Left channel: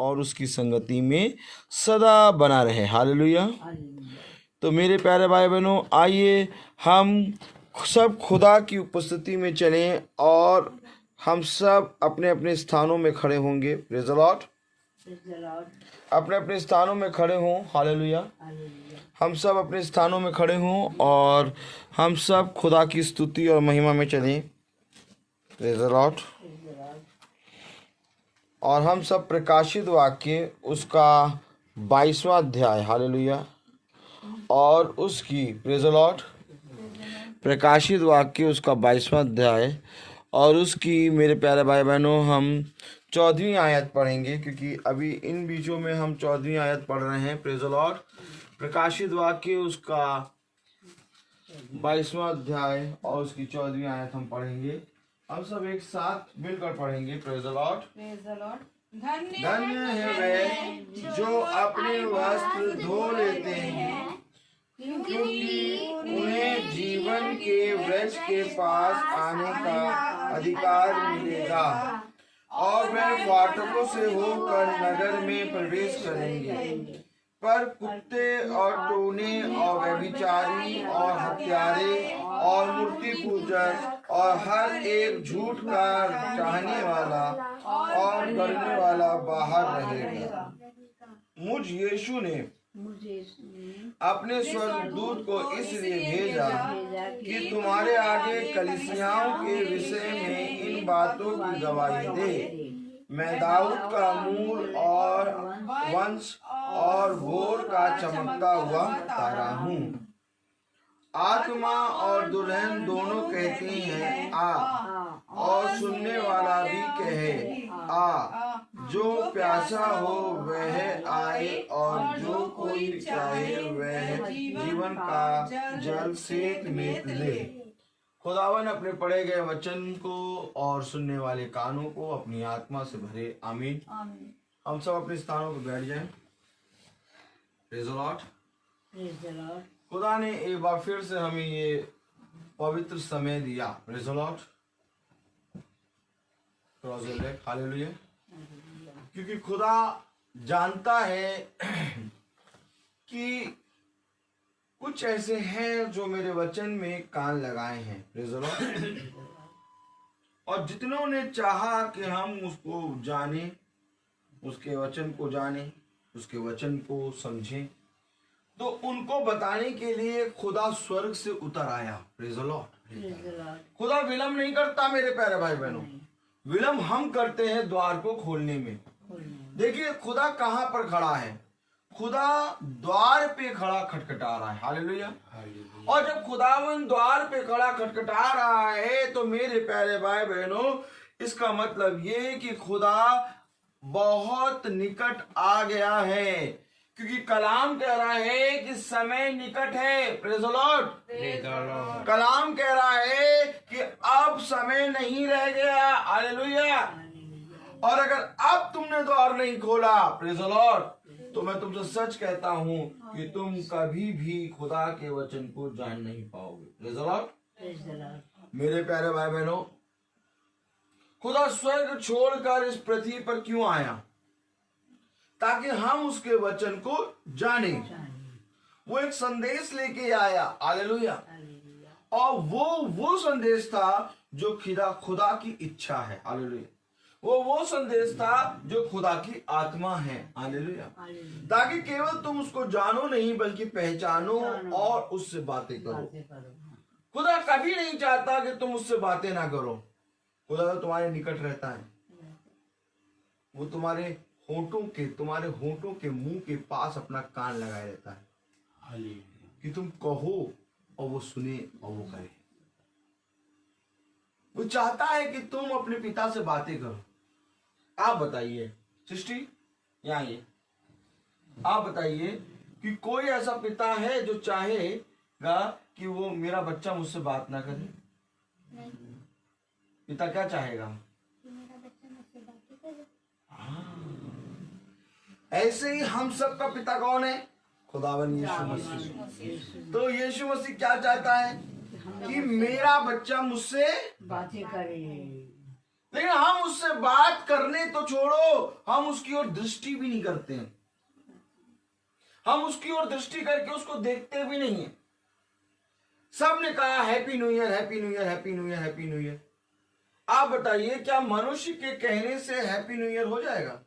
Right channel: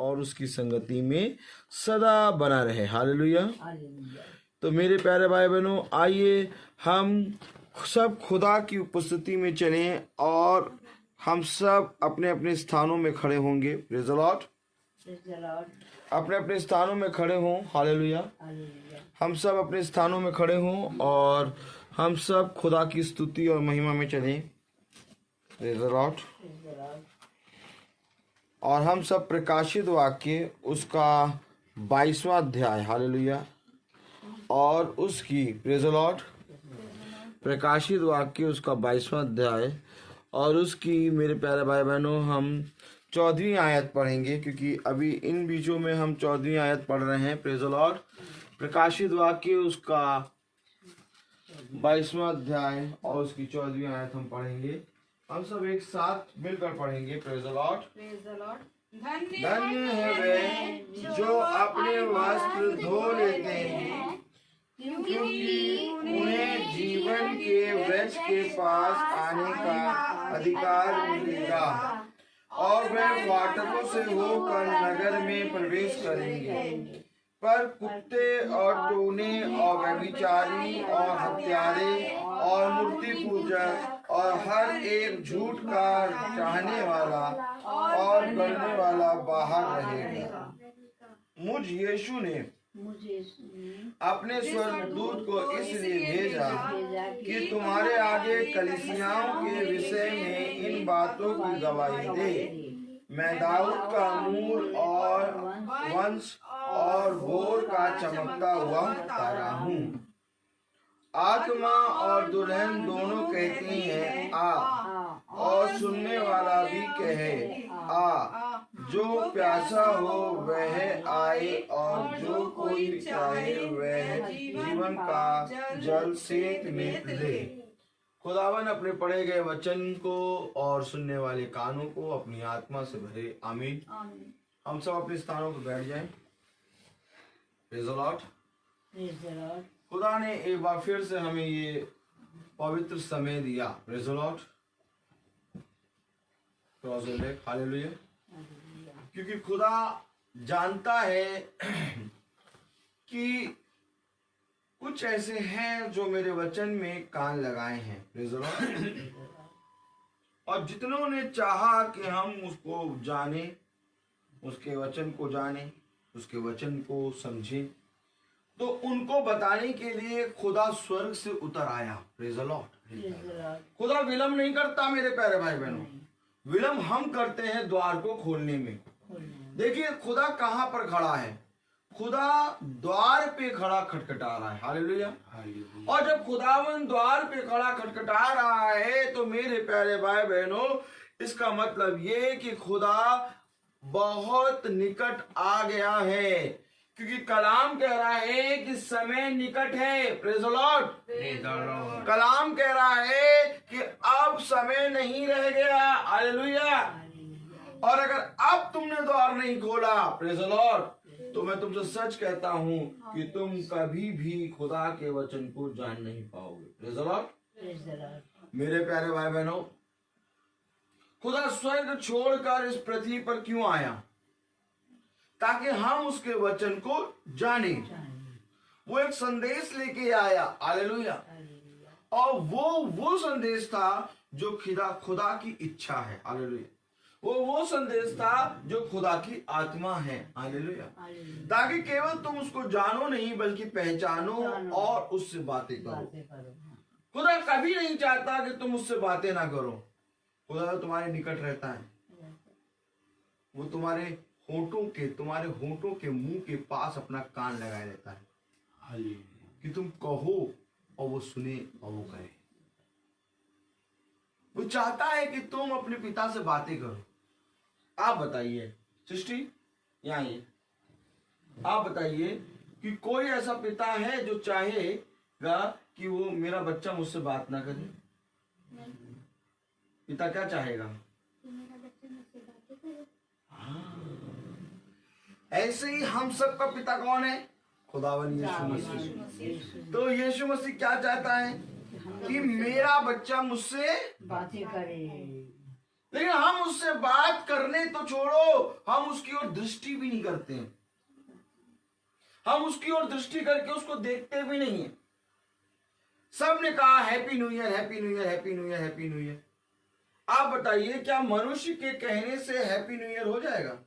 और उसकी संगति में सदा बना रहे। हालेलुया। तो मेरे प्यारे भाई बहनों, आइए हम सब खुदा की उपस्थिति में चलें और हम सब अपने अपने स्थानों में खड़े होंगे। Praise the Lord. अपने अपने स्थानों में खड़े हों। हालेलुया। हम सब अपने स्थानों में खड़े हों और हम सब खुदा की स्तुति और महिमा में चलें। Praise the Lord. और हम सब प्रकाशित वाक्य उसका 22वां अध्याय, हालेलुया, और उसकी, प्रेज़ द लॉर्ड, प्रकाशित वाक्य उसका 22वां अध्याय और उसकी, मेरे प्यारे भाई बहनों, हम 14वीं आयत पढ़ेंगे, क्योंकि अभी इन बीचों में हम 14वीं आयत पढ़ रहे हैं। Praise the Lord. प्रकाशित वाक्य उसका 22वां अध्याय और उसकी 14वीं आयत हम पढ़ेंगे। हम सब एक साथ मिलकर पढ़ेंगे। Praise the Lord. धन्य है वे जो अपने वस्त्र धो लेते हैं, क्योंकि उन्हें जीवन के वृक्ष के पास आने का अधिकार मिलेगा और वे फाटकों से होकर नगर में प्रवेश करेंगे। पर कुत्ते और टोने और व्यभिचारी और हत्यारे और मूर्ति पूजक और हर एक झूठ का चाहने वाला और करने वाला बाहर रहेगा। मुझ यीशु ने अपने स्वर्गदूत को इसलिए भेजा कि तुम्हारे आगे कलीसियाओं के विषय में इन बातों की गवाही दे। मैं दाऊद का मूल और वंश और भोर का चमकता हुआ तारा हूँ। आत्मा और दुल्हन दोनों कहती हैं आ, और सुनने वाला भी कहे आ। जो प्यासा हो वह आए और जो कोई चाहे वह जीवन का जल सेत में ले। खुदावन अपने पढ़े गए वचन को और सुनने वाले कानों को अपनी आत्मा से भरे। आमीन। हम सब अपने स्थानों पर बैठ जाएं। Praise the Lord. खुदा ने एक बार फिर से हमें ये पवित्र समय दिया। Praise the lord. हालेलुया। क्योंकि खुदा जानता है कि कुछ ऐसे हैं जो मेरे वचन में कान लगाए हैं। Praise the Lord. और जितनों ने चाहा कि हम उसको जाने, उसके वचन को जाने, उसके वचन को समझें, तो उनको बताने के लिए खुदा स्वर्ग से उतर आया। Praise the Lord. खुदा विलंब नहीं करता मेरे प्यारे भाई बहनों। विलंब हम करते हैं द्वार को खोलने में। देखिए खुदा कहाँ पर खड़ा है। खुदा द्वार पे खड़ा खटखटा रहा है। हालेलुया। और जब खुदावन द्वार पे खड़ा खटखटा रहा है तो मेरे प्यारे भाई बहनों, इसका मतलब ये है कि खुदा बहुत निकट आ गया है, क्योंकि कलाम कह रहा है कि समय निकट है। Praise the Lord. कलाम कह रहा है कि अब समय नहीं रह गया। हालेलुया। और अगर अब तुमने द्वार नहीं खोला, प्रेज़ द लॉर्ड, तो मैं तुमसे सच कहता हूं कि तुम कभी भी खुदा के वचन को जान नहीं पाओगे। Praise the Lord. मेरे प्यारे भाई बहनों, खुदा स्वर्ग छोड़कर इस पृथ्वी पर क्यों आया? ताकि हम उसके वचन को जानें। वो एक संदेश लेके आया। हालेलुया। और वो संदेश था जो खुदा की इच्छा है। हालेलुया। वो संदेश था जो खुदा की आत्मा है। हालेलुया। ताकि केवल तुम उसको जानो नहीं बल्कि पहचानो और उससे बातें करो। खुदा कभी नहीं चाहता कि तुम उससे बातें ना करो। खुदा तो तुम्हारे निकट रहता है। वो तुम्हारे होंठों के मुंह के पास अपना कान लगाए रहता है कि तुम कहो और वो सुने और वो करे। वो चाहता है कि तुम अपने पिता से बातें करो। आप बताइए सृष्टि, यहाँ ये आप बताइए कि कोई ऐसा पिता है जो चाहेगा कि वो मेरा बच्चा मुझसे बात ना करे? पिता क्या चाहेगा? ऐसे ही हम सबका पिता कौन है? खुदावन यीशु मसीह। तो यीशु मसीह क्या चाहता है? कि मेरा बच्चा मुझसे बातें करे। लेकिन हम उससे बात करने तो छोड़ो, हम उसकी ओर दृष्टि भी नहीं करते हैं। हम उसकी ओर दृष्टि करके उसको देखते भी नहीं है। सबने कहा happy new year, happy new year, happy new year, happy new year. आप बताइए, क्या मनुष्य के कहने से हैप्पी न्यू ईयर हो जाएगा?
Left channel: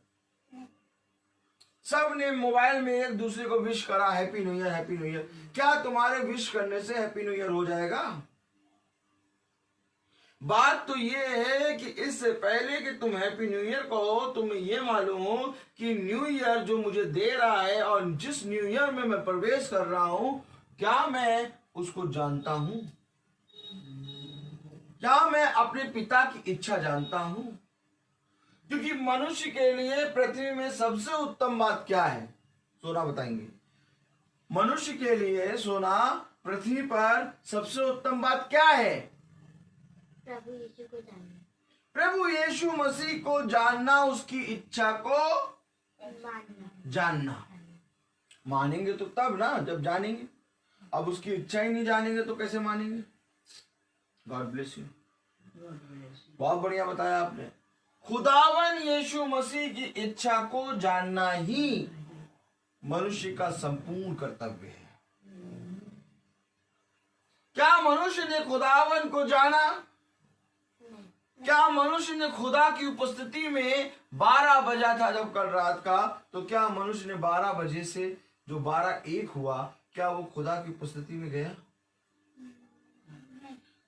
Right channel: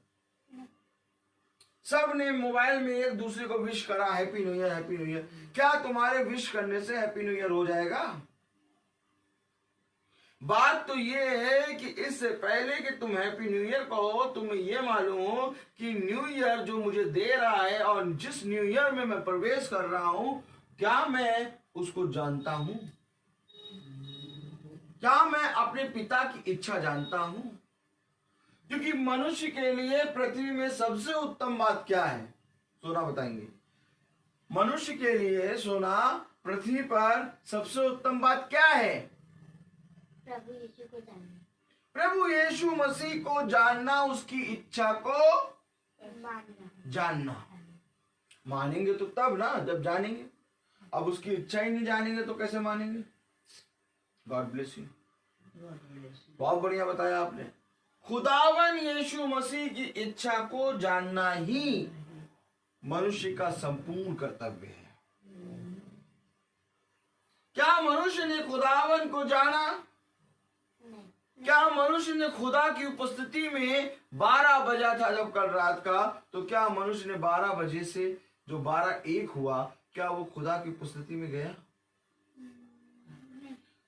सब ने मोबाइल में एक दूसरे को विश करा, happy new year, happy new year. क्या तुम्हारे विश करने से हैप्पी न्यू ईयर हो जाएगा? बात तो ये है कि इससे पहले कि तुम हैप्पी न्यू ईयर कहो, तुम्हें ये मालूम हो कि न्यू ईयर जो मुझे दे रहा है और जिस न्यू ईयर में मैं प्रवेश कर रहा हूं, क्या मैं उसको जानता हूं? क्या मैं अपने पिता की इच्छा जानता हूं? क्योंकि मनुष्य के लिए पृथ्वी में सबसे उत्तम बात क्या है? सोना बताएंगे। मनुष्य के लिए सोना, पृथ्वी पर सबसे उत्तम बात क्या है? प्रभु यीशु को जानना, प्रभु यीशु मसीह को जानना, उसकी इच्छा को मानना। जानना। मानेंगे तो तब ना, जब जानेंगे। अब उसकी इच्छा ही नहीं जानेंगे तो कैसे मानेंगे? God bless you. बहुत बढ़िया बताया आपने। खुदावन यीशु मसीह की इच्छा को जानना ही मनुष्य का संपूर्ण कर्तव्य है। क्या मनुष्य ने खुदावन को जाना? क्या मनुष्य ने खुदा की उपस्थिति में 12 बजा था जब कल रात का, तो क्या मनुष्य ने 12 बजे से जो 12-1 हुआ, क्या वो खुदा की उपस्थिति में गया?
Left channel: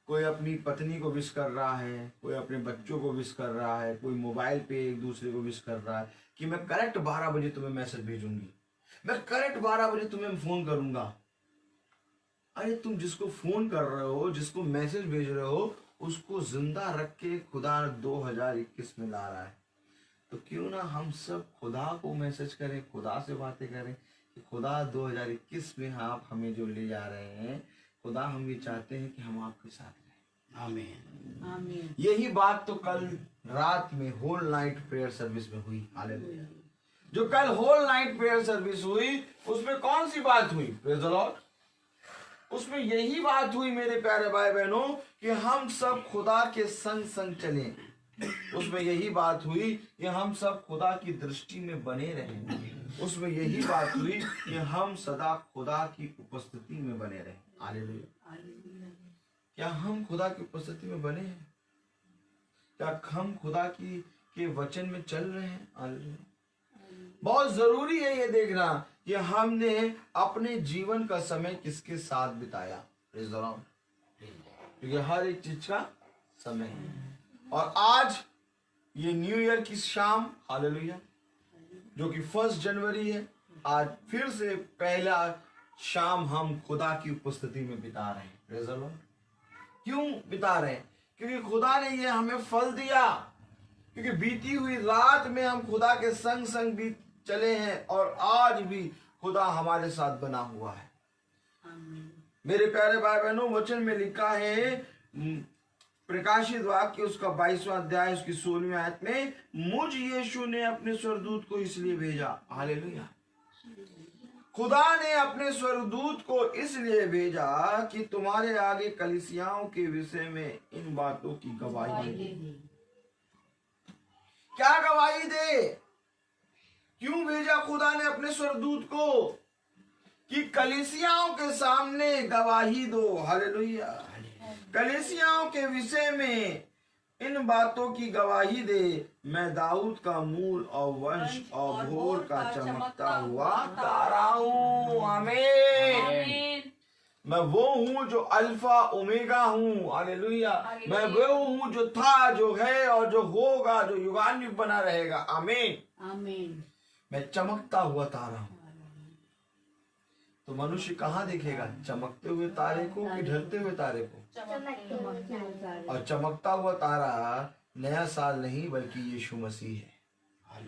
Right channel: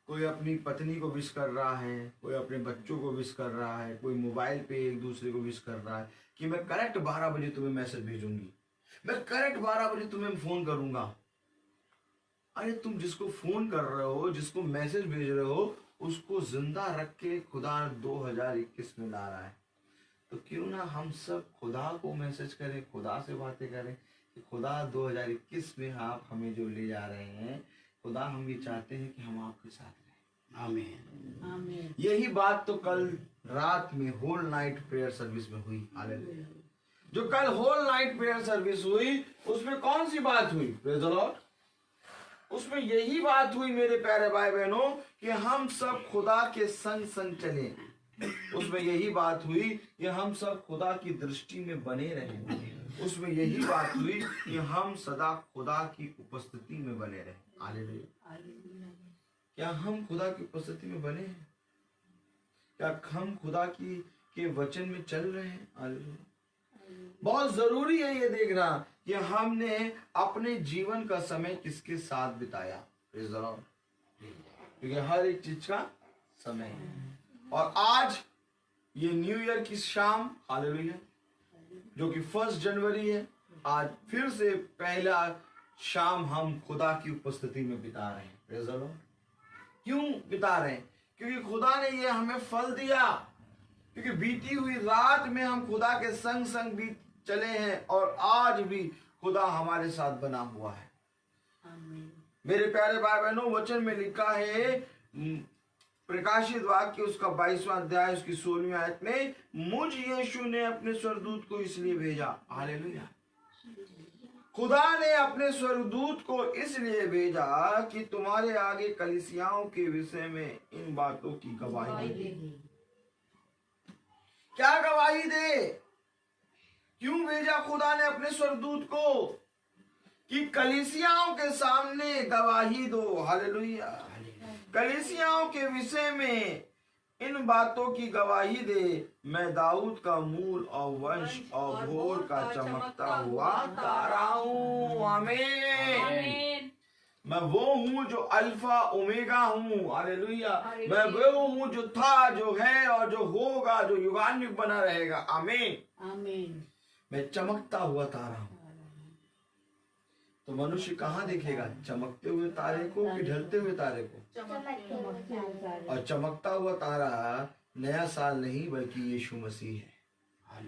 कोई अपनी पत्नी को विश कर रहा है, कोई अपने बच्चों को विश कर रहा है, कोई मोबाइल पे एक दूसरे को विश कर रहा है कि मैं करेक्ट 12 बजे तुम्हें मैसेज भेजूंगी, मैं करेक्ट 12 बजे तुम्हें फोन करूंगा। अरे तुम जिसको फोन कर रहे हो, जिसको मैसेज भेज रहे हो, उसको जिंदा रख के खुदा 2021 में ला रहा है। तो क्यों ना हम सब खुदा को मैसेज करें, खुदा से बातें करें कि खुदा 2021 में आप हमें जो ले जा रहे हैं, खुदा हम ये चाहते हैं कि हम आपके साथ रहें। आमीन, आमीन। यही बात तो कल रात में होल नाइट प्रेयर सर्विस में हुई। हालेलुया। जो कल होल नाइट प्रेयर सर्विस हुई, उसमें कौन सी बात हुई? Praise the Lord. उसमें यही बात हुई मेरे प्यारे भाई बहनों कि हम सब खुदा के संग संग चलें। उसमें यही बात हुई कि हम सब खुदा की दृष्टि में बने रहें। उसमें यही बात हुई कि हम सदा खुदा की उपस्थिति में बने रहें। हालेलुया। क्या हम खुदा की उपस्थिति में बने हैं? क्या हम खुदा के वचन में चल रहे हैं? हालेलुया। बहुत जरूरी है ये देखना कि हमने अपने जीवन का समय किसके साथ बिताया। क्योंकि हर एक चीज का समय है। और आज ये न्यू ईयर की शाम, हालेलुया, जो कि 1 जनवरी है, आज फिर से पहला शाम हम खुदा की उपस्थिति में बिता रहे हैं। Praise the Lord. क्यों बिता रहे हैं? क्योंकि खुदा ने ये हमें फल दिया। क्योंकि बीती हुई रात में हम खुदा के संग संग बीत चले हैं और आज भी खुदा हमारे साथ बना हुआ है। मेरे प्यारे भाई बहनों, वचन में लिखा है, प्रकाशित वाक्य उसका 22वां अध्याय उसकी 16वीं आयत में, मुझ यीशु ने अपने स्वर्गदूत को इसलिए भेजा। हालेलुया। खुदा ने अपने स्वर्गदूत को इसलिए भेजा कि तुम्हारे आगे कलीसियाओं के विषय में इन बातों की गवाही दे। क्या गवाही दे? क्यों भेजा खुदा ने अपने स्वर्गदूत को? कि कलीसियाओं के सामने गवाही दो। हालेलुया। कलीसियाओं के विषय में इन बातों की गवाही दे, मैं दाऊद का मूल और वंश और भोर का चमकता हुआ तारा हूँ। आमीन। मैं वो हूँ जो अल्फा ओमेगा हूँ। हालेलुया। मैं वो हूँ जो था, जो है और जो होगा, जो युगानुयुग बना रहेगा। आमीन, आमीन। मैं चमकता हुआ तारा हूँ। तो मनुष्य कहाँ दिखेगा? चमकते हुए तारे को कि ढलते हुए तारे को? और चमकता हुआ तारा नया साल नहीं बल्कि यीशु मसीह है।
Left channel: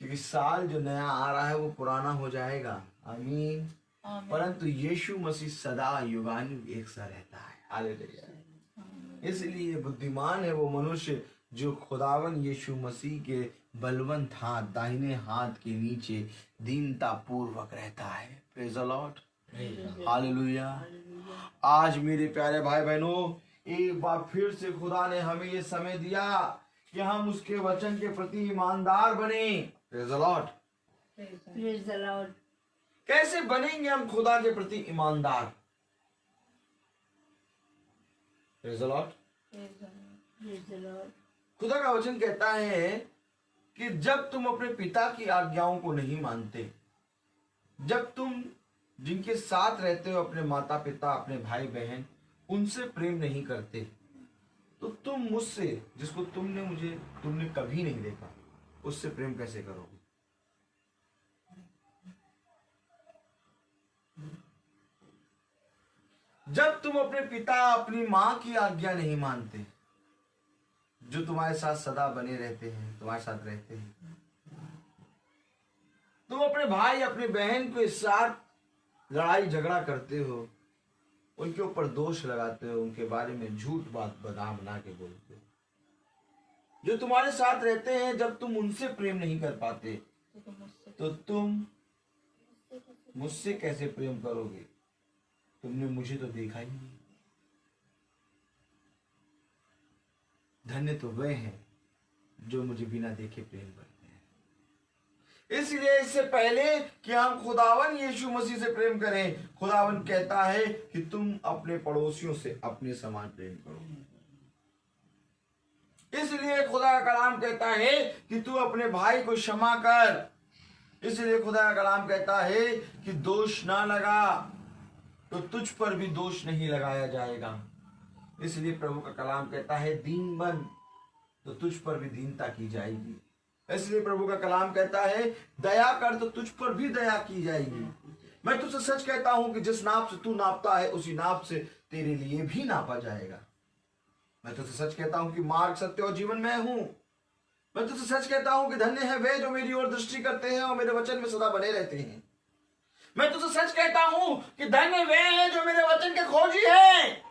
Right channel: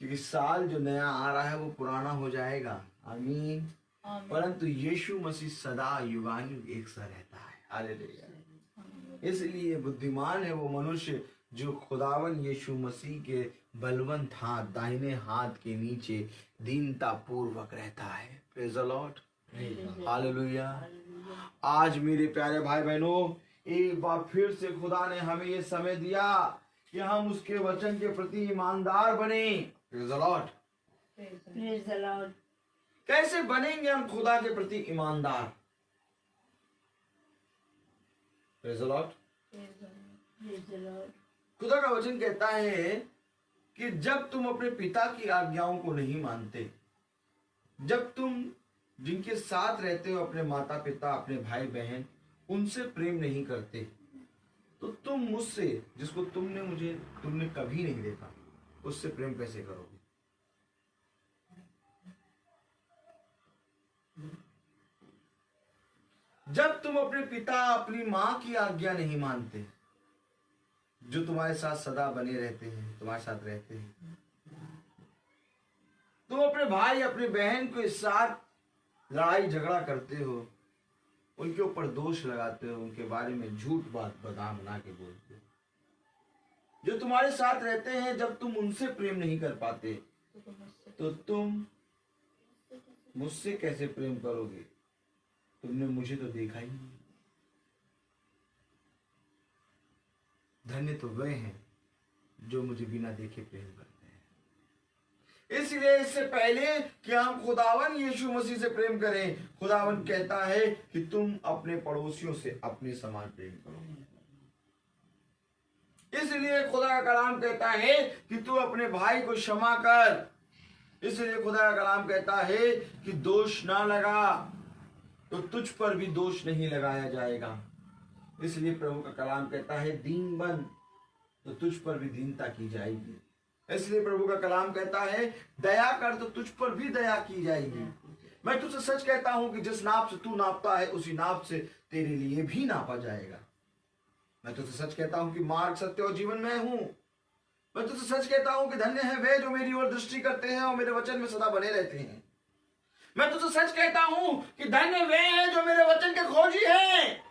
क्योंकि साल जो नया आ रहा है वो पुराना हो जाएगा। आमीन। परंतु यीशु मसीह सदा युगानुयुग एक सा रहता है। हालेलुया। इसलिए बुद्धिमान है वो मनुष्य जो खुदावन यीशु मसीह के बलवंत हाथ, दाहिने हाथ के नीचे दीनता पूर्वक रहता है। Praise the lord. हालेलुया। आज मेरे प्यारे भाई बहनों, एक बार फिर से खुदा ने हमें ये समय दिया कि हम उसके वचन के प्रति ईमानदार बने। Praise the Lord। Praise the Lord। कैसे बनेंगे हम खुदा के प्रति ईमानदार? Praise the Lord। Praise the Lord। खुदा का वचन कहता है कि जब तुम अपने पिता की आज्ञाओं को नहीं मानते, जब तुम जिनके साथ रहते हो, अपने माता पिता, अपने भाई बहन, उनसे प्रेम नहीं करते, तो तुम मुझसे, जिसको तुमने कभी नहीं देखा, उससे प्रेम कैसे करोगे? जब तुम अपने पिता, अपनी मां की आज्ञा नहीं मानते, जो तुम्हारे साथ सदा बने रहते हैं, तुम्हारे साथ रहते हैं, तुम अपने भाई, अपने बहन के साथ लड़ाई झगड़ा करते हो, उनके ऊपर दोष लगाते हो, उनके बारे में झूठ बात बना के बोलते हो, जो तुम्हारे साथ रहते हैं, जब तुम उनसे प्रेम नहीं कर पाते, तो तुम मुझसे कैसे प्रेम करोगे? तुमने मुझे तो देखा ही नहीं। धन्य तो वे हैं जो मुझे बिना देखे प्रेम करते हैं। इसलिए इससे पहले कि हम खुदावन यीशु मसीह से प्रेम करें, खुदावन कहता है कि तुम अपने पड़ोसियों से अपने समान प्रेम करो। इसलिए खुदा का कलाम कहता है कि तू अपने भाई को क्षमा कर। इसलिए खुदा का कलाम कहता है कि दोष ना लगा तो तुझ पर भी दोष नहीं लगाया जाएगा। इसलिए प्रभु का कलाम कहता है दीन बन तो तुझ पर भी दीनता की जाएगी। इसलिए प्रभु का कलाम कहता है दया कर तो तुझ पर भी दया की जाएगी। मैं तुझसे सच कहता हूं कि जिस नाप से तू नापता है उसी नाप से तेरे लिए भी नापा जाएगा। मैं तुझसे सच कहता हूं कि मार्ग, सत्य और जीवन मैं हूं। मैं तुझसे सच कहता हूं कि धन्य है वे जो मेरी ओर दृष्टि करते हैं और मेरे वचन में सदा बने रहते हैं। मैं तुझसे सच कहता हूं कि धन्य वे हैं जो मेरे वचन के खोजी हैं।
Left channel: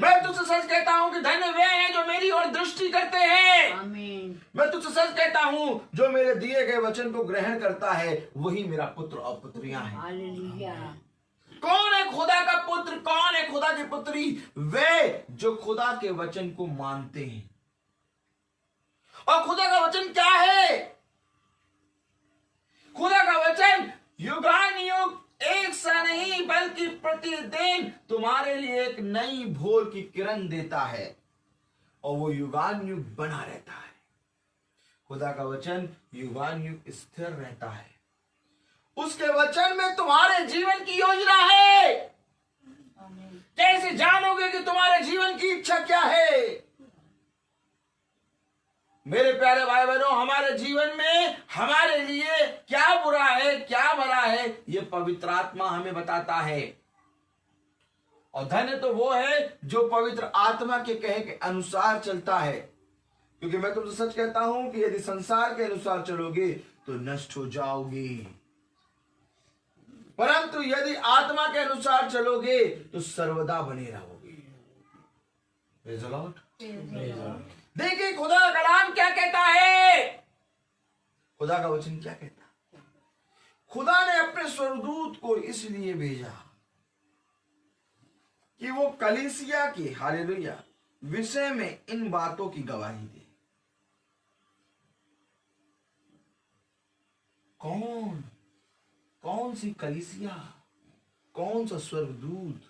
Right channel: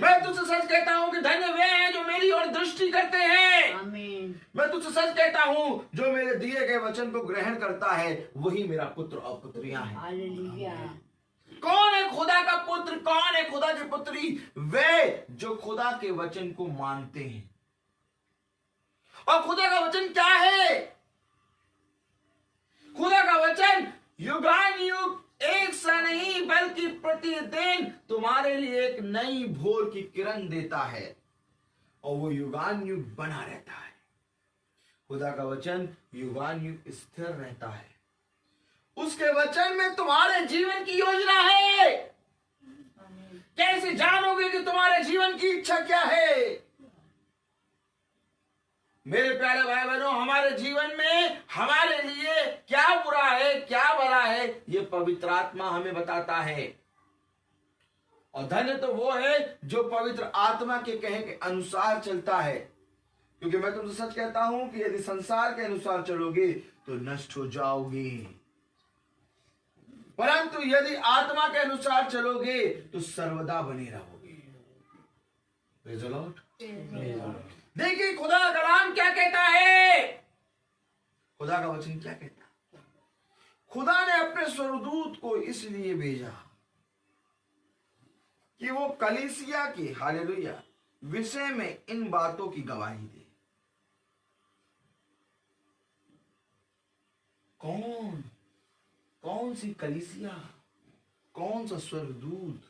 मैं तुझसे सच कहता हूं कि धन्य वे हैं जो मेरी ओर दृष्टि करते हैं। आमीन। मैं तुझसे सच कहता हूं जो मेरे दिए गए वचन को ग्रहण करता है वही मेरा पुत्र और पुत्रियां हैं। हालेलुया। कौन है खुदा का पुत्र, कौन है खुदा की पुत्री? वे जो खुदा के वचन को मानते हैं। और खुदा का वचन क्या है? खुदा का वचन युगानुयुग एक सा नहीं बल्कि प्रतिदिन तुम्हारे लिए एक नई भोर की किरण देता है और वो युगानुयुग बना रहता है। खुदा का वचन युगानुयुग स्थिर रहता है। उसके वचन में तुम्हारे जीवन की योजना है। कैसे जानोगे कि तुम्हारे जीवन की इच्छा क्या है? मेरे प्यारे भाई बहनों, हमारे जीवन में हमारे लिए क्या बुरा है, क्या भला है, ये पवित्र आत्मा हमें बताता है। और धन्य तो वो है जो पवित्र आत्मा के कहे के अनुसार चलता है। क्योंकि मैं तुमसे सच कहता हूं कि यदि संसार के अनुसार चलोगे तो नष्ट हो जाओगे, परंतु यदि आत्मा के अनुसार चलोगे तो सर्वदा बने रहोगे। Praise the Lord. देखिए खुदा का कलाम क्या कहता है। खुदा का वचन क्या कहता है? खुदा ने अपने स्वर्गदूत को इसलिए भेजा कि वो कलीसिया के, हालेलुया, विषय में इन बातों की गवाही दे। कौन सी कलीसिया, कौन सा स्वर्गदूत?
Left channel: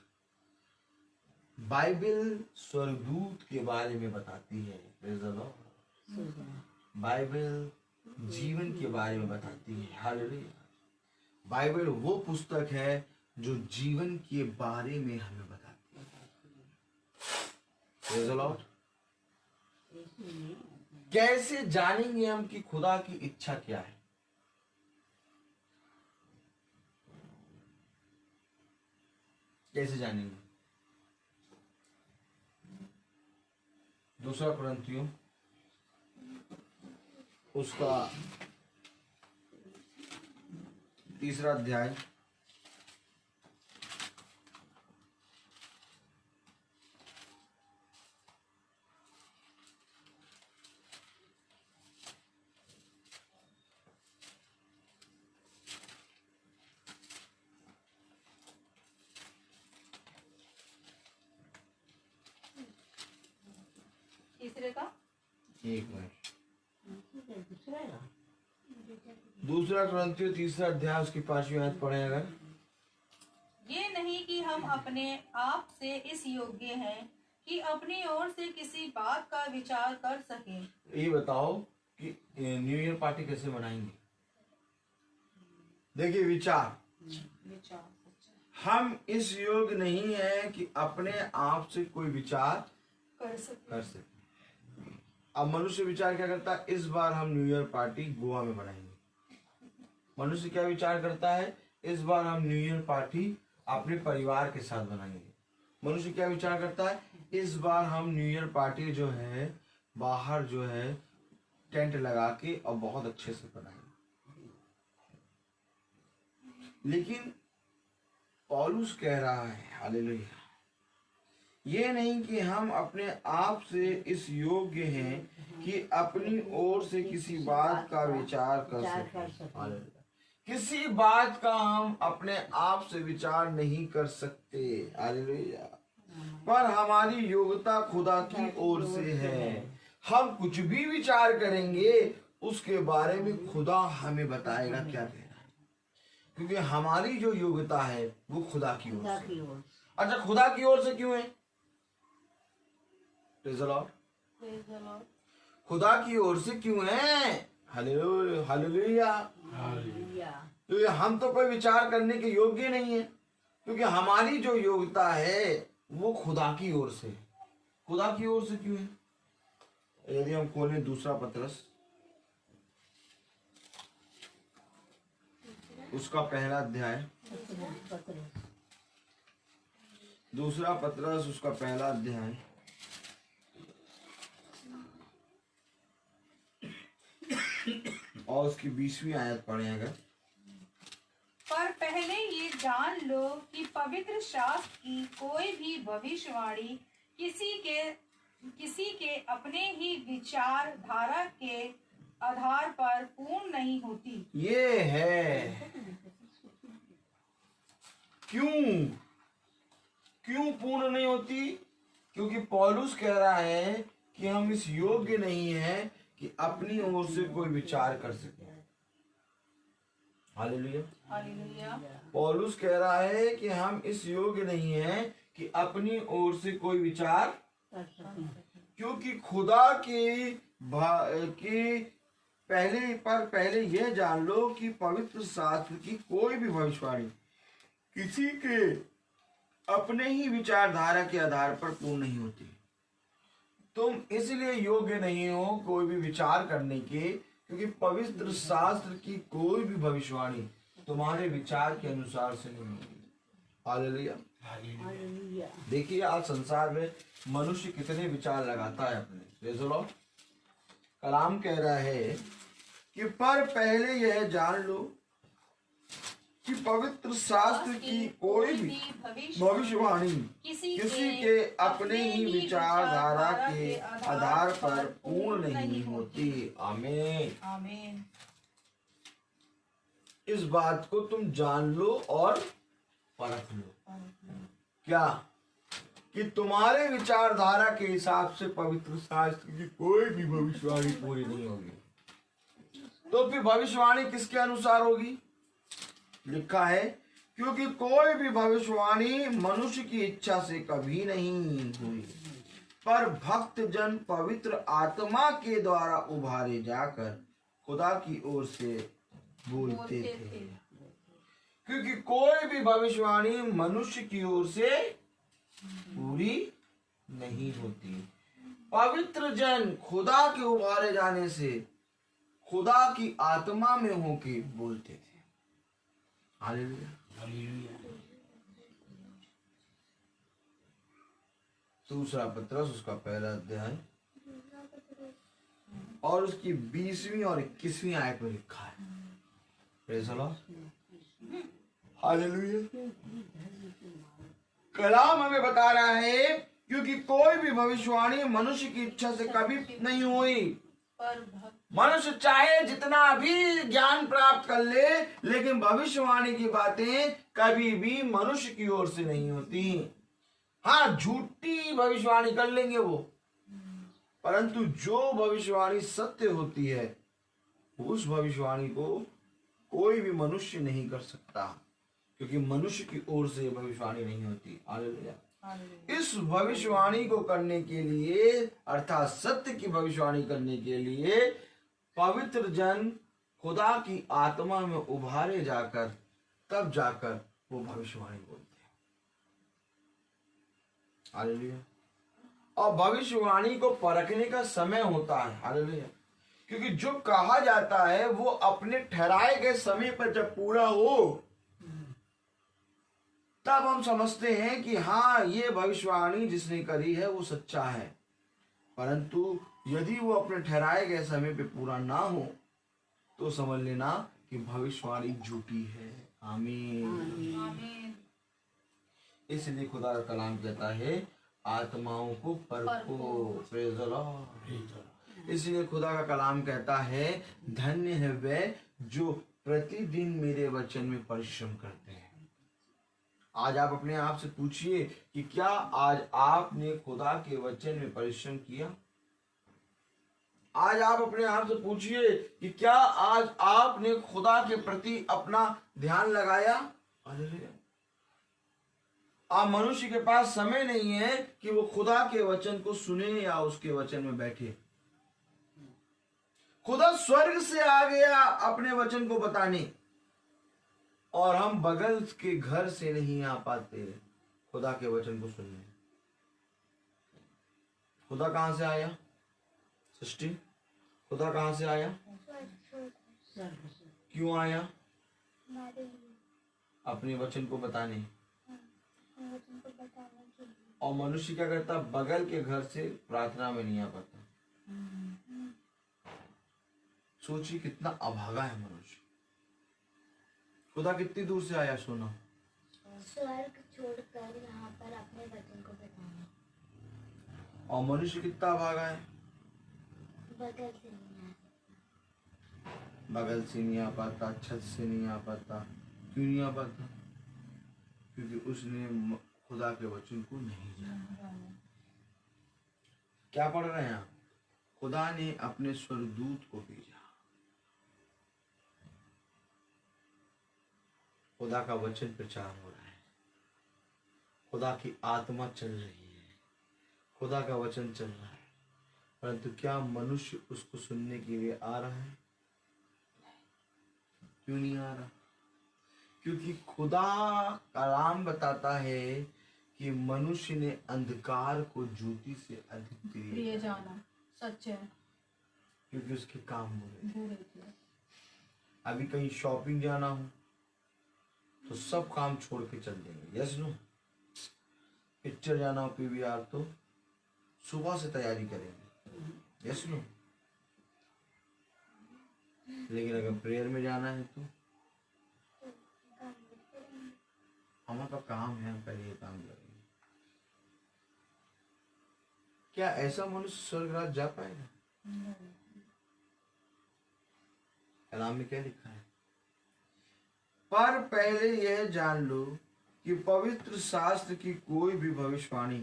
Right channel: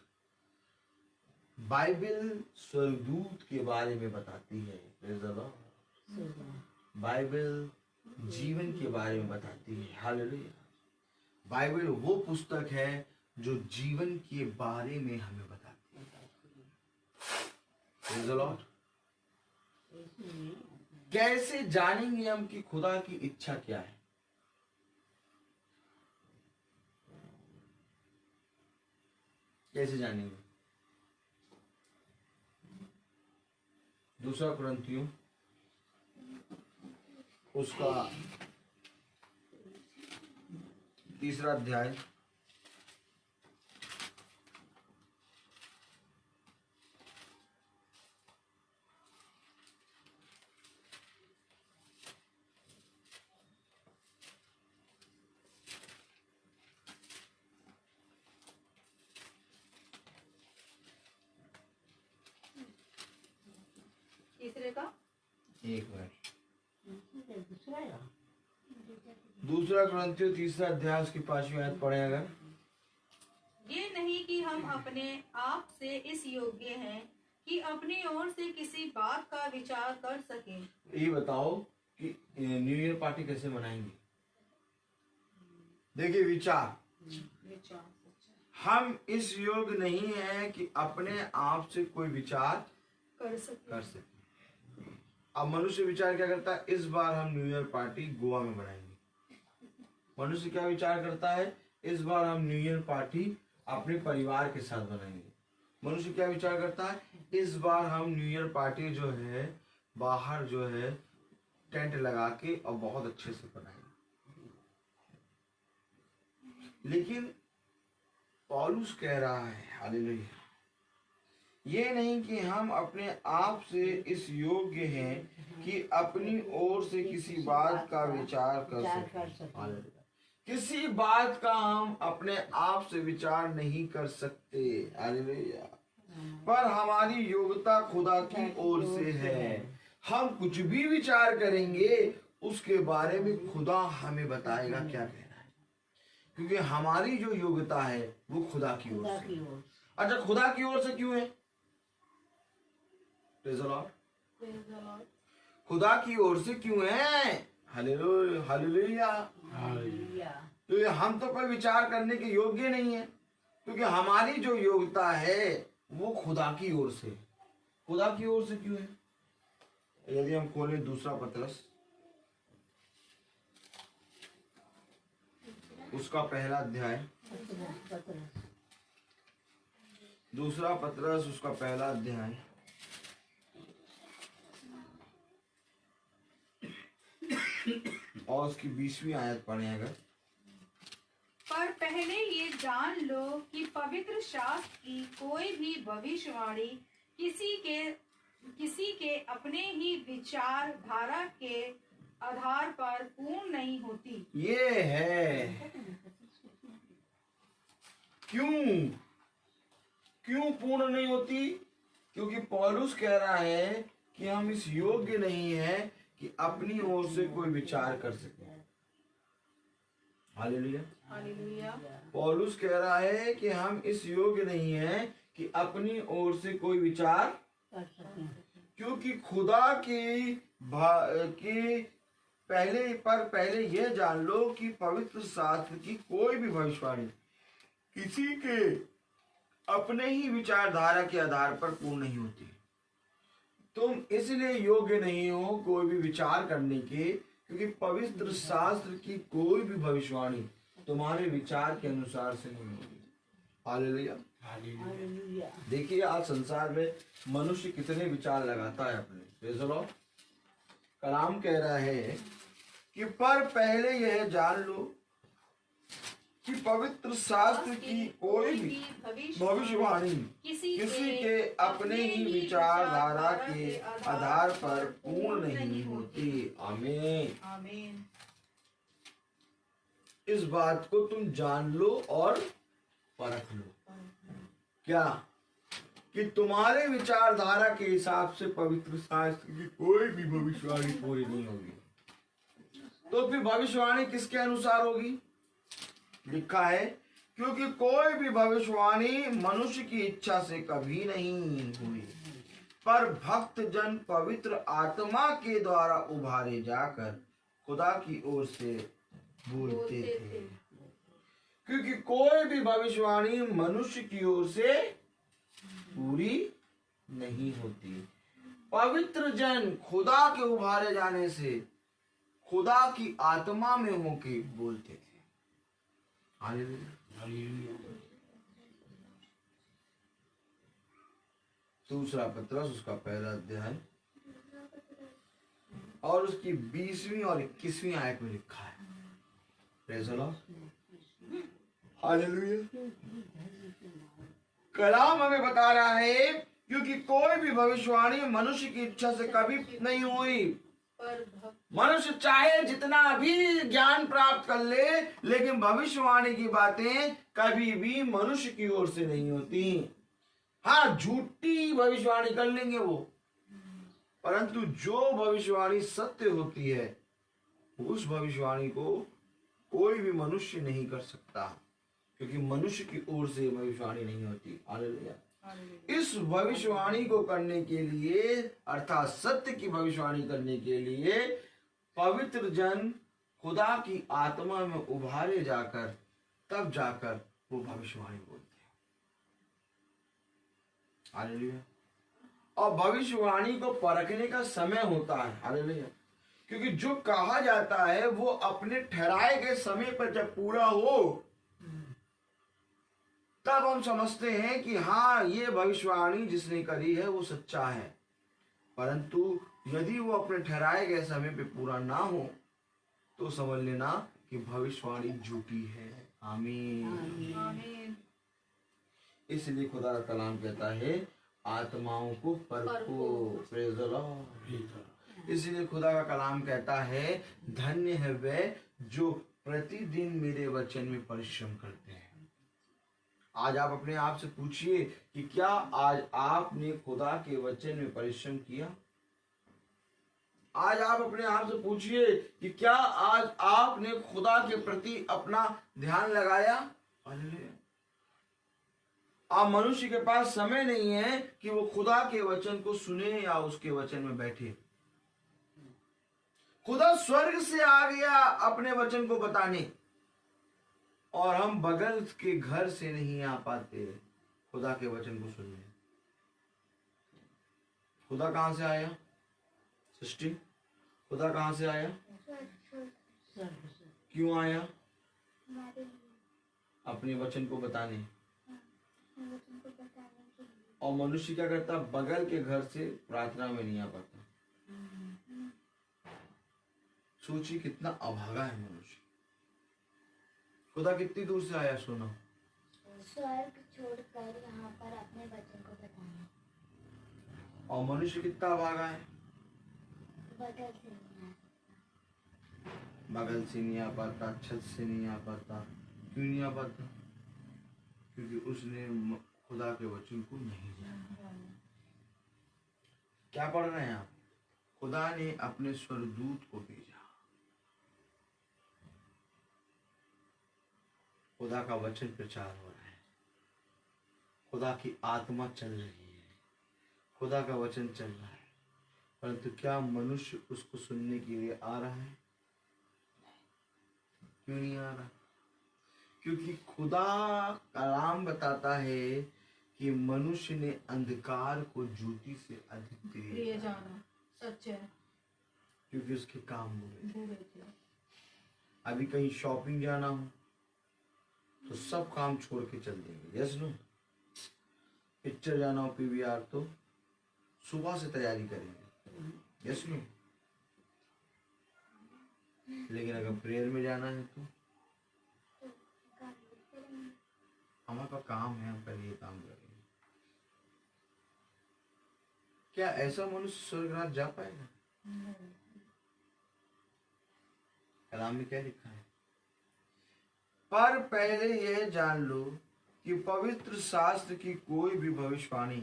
बाइबल स्वर्गदूत के बारे में बताती है। Praise the Lord. बाइबल जीवन के बारे में बताती है। हालेलुया। बाइबल वो पुस्तक है जो जीवन के बारे में हमें बताती है। Praise the Lord. कैसे जानेंगे हम कि खुदा की इच्छा क्या है? कैसे जानेंगे? दूसरा कुरिन्थियों उसका 3 अध्याय तीसरे का एक मिनट। दूसरा ग्रंथियों 3 अध्याय उसकी 5वीं आयत पढ़े अगर। ये नहीं कि हम अपने आप से इस योग्य हैं कि अपनी ओर से किसी बात का विचार कर सकें। ये बताओ कि न्यू ईयर पार्टी कैसे मनाएंगे? देखिए विचार, हम इस योग्य नहीं है कि अपने आप से कोई विचार कर सके। अब मनुष्य विचार क्या करता है? इस बार हम न्यू ईयर पार्टी गोवा में बनाएंगे। मनुष्य क्या विचार करता है? इस बार हम न्यू ईयर पार्टी अपने परिवार के साथ बनाएंगे। मनुष्य क्या विचार करता है? इस बार हम न्यू ईयर पार्टी जो है बाहर जो है टेंट लगा के और बहुत अच्छे से बनाएंगे। लेकिन पौलुस कह रहा है, हालेलुया, ये नहीं कि हम अपने आप से इस योग्य हैं कि अपनी ओर से किसी बात का विचार कर सकें। हालेलुया। किसी बात का हम अपने आप से विचार नहीं कर सकते। हालेलुया। पर हमारी योग्यता खुदा की ओर से है। हम कुछ भी विचार करेंगे उसके बारे में खुदा हमें बताएगा क्या कहना है, क्योंकि हमारी जो योग्यता है वो खुदा की ओर से। अच्छा, खुदा की ओर से क्यों है? Praise the Lord। खुदा की ओर से क्यों है? Hallelujah, hallelujah. क्योंकि हम तो कोई विचार करने के योग्य नहीं है, क्योंकि हमारी जो योग्यता है वो खुदा की ओर से। खुदा की ओर से क्यों है? यदि हम खोलें दूसरा पत्रस उसका पहला अध्याय, दूसरा पत्रस उसका पहला अध्याय और उसकी 20वीं आयत पढ़े अगर। पर पहले ये जान लो कि पवित्र शास्त्र की कोई भी भविष्यवाणी किसी के अपने ही विचार धारा के आधार पर पूर्ण नहीं होती। ये है क्यों पूर्ण नहीं होती? क्योंकि पौलुस कह रहा है कि हम इस योग्य नहीं है कि अपनी ओर से कोई विचार कर सके। Hallelujah, hallelujah. पौलुस कह रहा है कि हम इस योग्य नहीं है कि अपनी ओर से कोई विचार, क्योंकि खुदा की पहले यह जान लो कि पवित्र शास्त्र की कोई भी भविष्यवाणी किसी के अपने ही विचारधारा के आधार पर पूर्ण नहीं होती। तुम इसलिए योग्य नहीं हो कोई भी विचार करने के, क्योंकि पवित्र शास्त्र की कोई भी भविष्यवाणी तुम्हारे विचार के अनुसार से नहीं होगी। Hallelujah, hallelujah. देखिए आज संसार में मनुष्य कितने विचार लगाता है अपने। Praise the Lord. कलाम कह रहा है कि पर पहले यह जान लो कि पवित्र शास्त्र की कोई भी भविष्यवाणी किसी के अपने ही विचारधारा के आधार पर पूर्ण नहीं होती। आमीन, आमीन। इस बात को तुम जान लो और परख लो। क्या? कि तुम्हारे विचारधारा के हिसाब से पवित्र शास्त्र की कोई भी भविष्यवाणी पूरी नहीं होगी। तो फिर भविष्यवाणी किसके अनुसार होगी? लिखा है, क्योंकि कोई भी भविष्यवाणी मनुष्य की इच्छा से कभी नहीं हुई, पर भक्त जन पवित्र आत्मा के द्वारा उभारे जाकर खुदा की ओर से बोलते थे। क्योंकि कोई भी भविष्यवाणी मनुष्य की ओर से पूरी नहीं होती। पवित्र जन खुदा के उभारे जाने से खुदा की आत्मा में होके बोलते थे। Hallelujah, hallelujah. दूसरा पत्रस उसका पहला अध्याय और उसकी 20वीं और 21वीं आयत में लिखा है। Praise the lord, hallelujah. कलाम हमें बता रहा है, क्योंकि कोई भी भविष्यवाणी मनुष्य की इच्छा से कभी नहीं हुई। मनुष्य चाहे जितना भी ज्ञान प्राप्त कर ले, लेकिन भविष्यवाणी की बातें कभी भी मनुष्य की ओर से नहीं होती। हाँ, झूठी भविष्यवाणी कर लेंगे वो, परंतु जो भविष्यवाणी सत्य होती है उस भविष्यवाणी को कोई भी मनुष्य नहीं कर सकता, क्योंकि मनुष्य की ओर से भविष्यवाणी नहीं होती। हालेलुया। इस भविष्यवाणी को करने के लिए अर्थात सत्य की भविष्यवाणी करने के लिए पवित्र जन खुदा की आत्मा में उभारे जाकर तब जाकर वो भविष्यवाणी बोलते हैं। हालेलुया। और भविष्यवाणी को परखने का समय होता है। हालेलुया। क्योंकि जो कहा जाता है वो अपने ठहराए गए समय पर जब पूरा हो तब हम समझते हैं कि हाँ, ये भविष्यवाणी जिसने करी है वो सच्चा है। परंतु यदि वो अपने ठहराए गए समय पे पूरा ना हो तो समझ लेना कि भविष्यवाणी झूठी है। आमीन। आमीन। इसलिए खुदा का कलाम कहता है आत्माओं को परखो। Praise the Lord. इसलिए खुदा का कलाम कहता है धन्य है वे जो प्रतिदिन मेरे वचन में परिश्रम करते हैं। आज आप अपने आप से पूछिए कि क्या आज आपने खुदा के वचन में परिश्रम किया? आज आप अपने आप से पूछिए कि क्या आज आपने खुदा के प्रति अपना ध्यान लगाया? हालेलुया। आप मनुष्य के पास समय नहीं है कि वो खुदा के वचन को सुने या उसके वचन में बैठे। खुदा स्वर्ग से आ गया अपने वचन को बताने, और हम बगल के घर से नहीं आ पाते खुदा के वचन को सुनने। खुदा कहां से आया? सृष्टि। खुदा कहां से आया? क्यों आया? अपने वचन को बताने। और मनुष्य क्या करता? बगल के घर से प्रार्थना में नहीं आ पाता। सोचिए कितना अभागा है मनुष्य। खुदा कितनी दूर से आया? सुनो, स्वर्ग छोड़कर यहाँ पर अपने वचन को बताना। और मनुष्य कितना अभागा है? बगल से नहीं आ बगल से नहीं आ पाता, छत से नहीं आ पाता। क्यों नहीं आ पाता? क्योंकि उसने खुदा के वचन को नहीं जाना। क्या पढ़ रहे हैं आप? खुदा ने अपने स्वर्गदूत को भेजा। खुदा का वचन प्रचार हो रहा है, खुदा की आत्मा चल रही है, खुदा का वचन चल रहा है, परंतु क्या मनुष्य उसको सुनने के लिए आ रहा है? क्यों नहीं आ रहा? क्योंकि खुदा कलाम बताता है कि मनुष्य ने अंधकार को ज्योति से अधिक प्रिय जाना। सच है। क्योंकि उसके काम बुरे थे। अभी कहीं शॉपिंग जाना हो तो सब काम छोड़ के चल देंगे। Yes no? पिक्चर जाना हो पीवीआर तो सुबह से तैयारी करेंगे। Yes no? लेकिन अगर प्रेयर में जाना है तो हमारा काम है, हम पहले ये काम करेंगे। क्या ऐसा मनुष्य स्वर्गराज जा पाएगा? कलाम में क्या लिखा है? पर पहले यह जान लो कि पवित्र शास्त्र की कोई भी भविष्यवाणी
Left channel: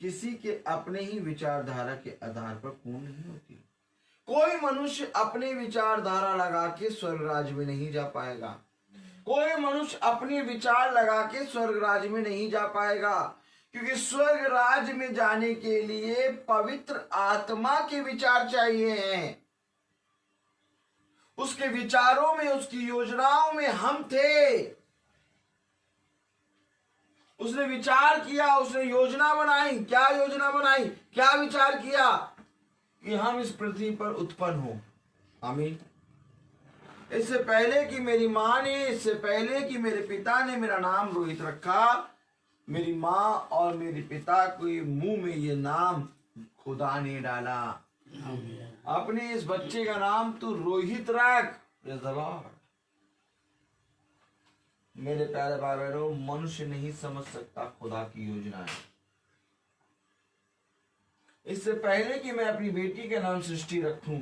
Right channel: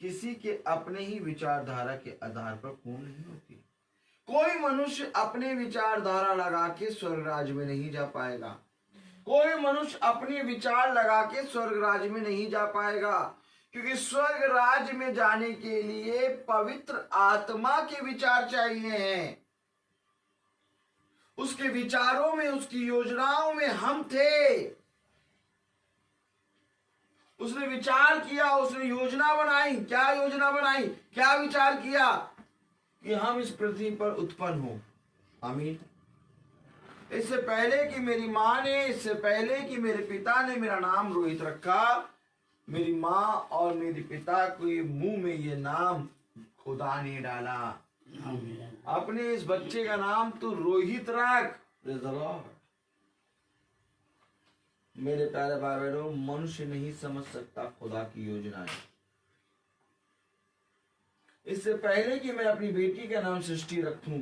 किसी के अपने ही विचारधारा के आधार पर पूर्ण नहीं होती। कोई मनुष्य अपने विचारधारा लगा के स्वर्गराज में नहीं जा पाएगा। कोई मनुष्य अपने विचार लगा के स्वर्गराज में नहीं जा पाएगा, क्योंकि स्वर्गराज में जाने के लिए पवित्र आत्मा के विचार चाहिए हैं। उसके विचारों में, उसकी योजनाओं में हम थे। उसने विचार किया, उसने योजना बनाई। क्या योजना बनाई? क्या विचार किया? कि हम इस पृथ्वी पर उत्पन्न हो। आमीन। इससे पहले कि मेरी माँ ने, इससे पहले कि मेरे पिता ने मेरा नाम रोहित रखा, मेरी माँ और मेरे पिता के मुंह में ये नाम खुदा ने डाला। अपने इस बच्चे का नाम तू रोहित रख। मेरे प्यारे भाई बहनों, मनुष्य नहीं समझ सकता खुदा की योजनाएं। इससे पहले कि मैं अपनी बेटी का नाम सृष्टि रखूं,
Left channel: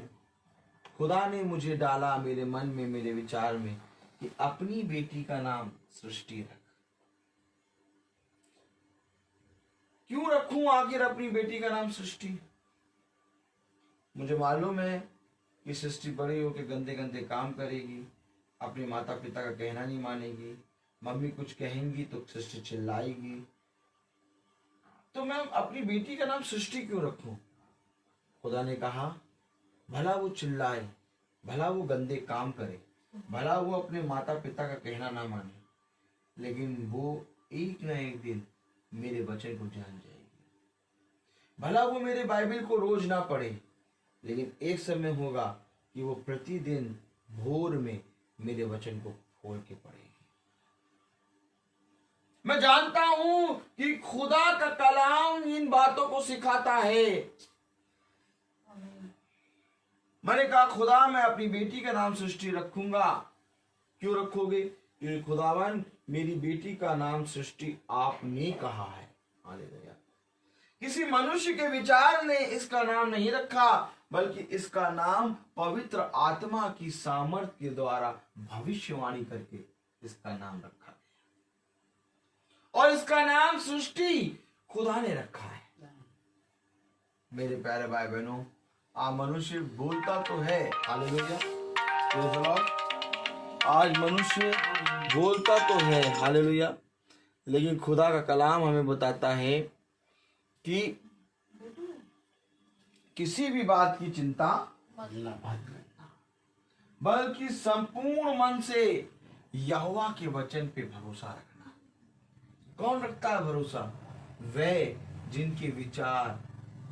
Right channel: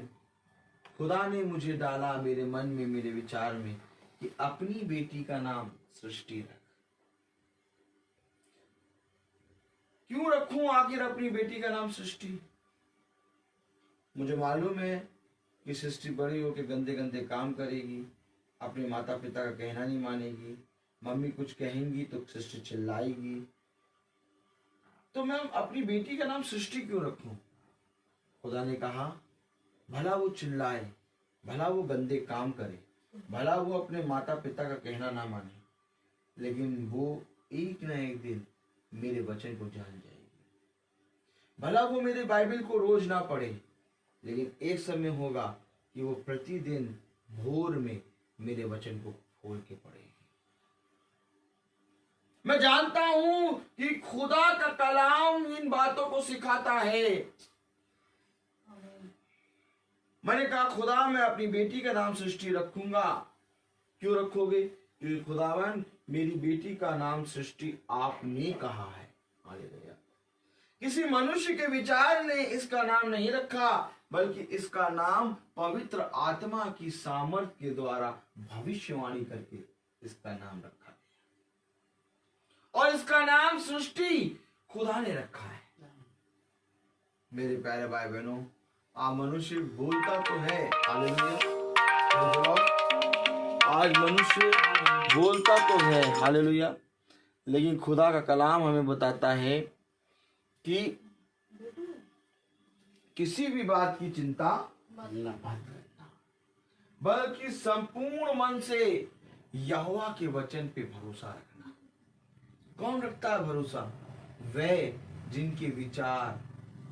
खुदा ने मुझे डाला मेरे मन में, मेरे विचार में कि अपनी बेटी का नाम सृष्टि रख। क्यों रखूं आखिर अपनी बेटी का नाम सृष्टि? मुझे मालूम है कि सृष्टि बड़ी होकर गंदे गंदे काम करेगी, अपने माता पिता का कहना नहीं मानेगी, मम्मी कुछ कहेंगी तो सृष्टि चिल्लाएगी, तो मैं अपनी बेटी का नाम सृष्टि क्यों रखूं? खुदा ने कहा भला वो चिल्लाए, भला वो गंदे काम करे, भला वो अपने माता पिता का कहना ना माने, लेकिन वो एक न एक दिन मेरे वचन को जान जाएगी। भला वो मेरे बाइबल को रोज ना पढ़े, लेकिन एक समय होगा कि वो प्रतिदिन भोर में मेरे वचन को खोल के पढ़ेगी। मैं जानता हूं कि खुदा का कलाम इन बातों को सिखाता है। मैंने कहा खुदा मैं अपनी बेटी का नाम सृष्टि रखूंगा। क्यों रखोगे? क्योंकि खुदावन मेरी बेटी का नाम सृष्टि आपने कहा है। हालेलुया। किसी मनुष्य के विचार ने इसका नाम नहीं रखा, बल्कि इसका नाम पवित्र आत्मा की सामर्थ के द्वारा भविष्यवाणी करके इसका नाम रखा है, और इसका नाम सृष्टि खुदा ने रखा है। मेरे प्यारे भाई बहनों, मनुष्य बोलता तो है, हालेलुया, आज मनुष्य बोलता तो है, हालेलुया, लेकिन खुदा का कलाम हमें बताता है कि किसी भी बात की चिंता मत करना, बल्कि संपूर्ण मन से यहोवा के वचन पे भरोसा रखना। कौन रखता है भरोसा? वे जिनके विचार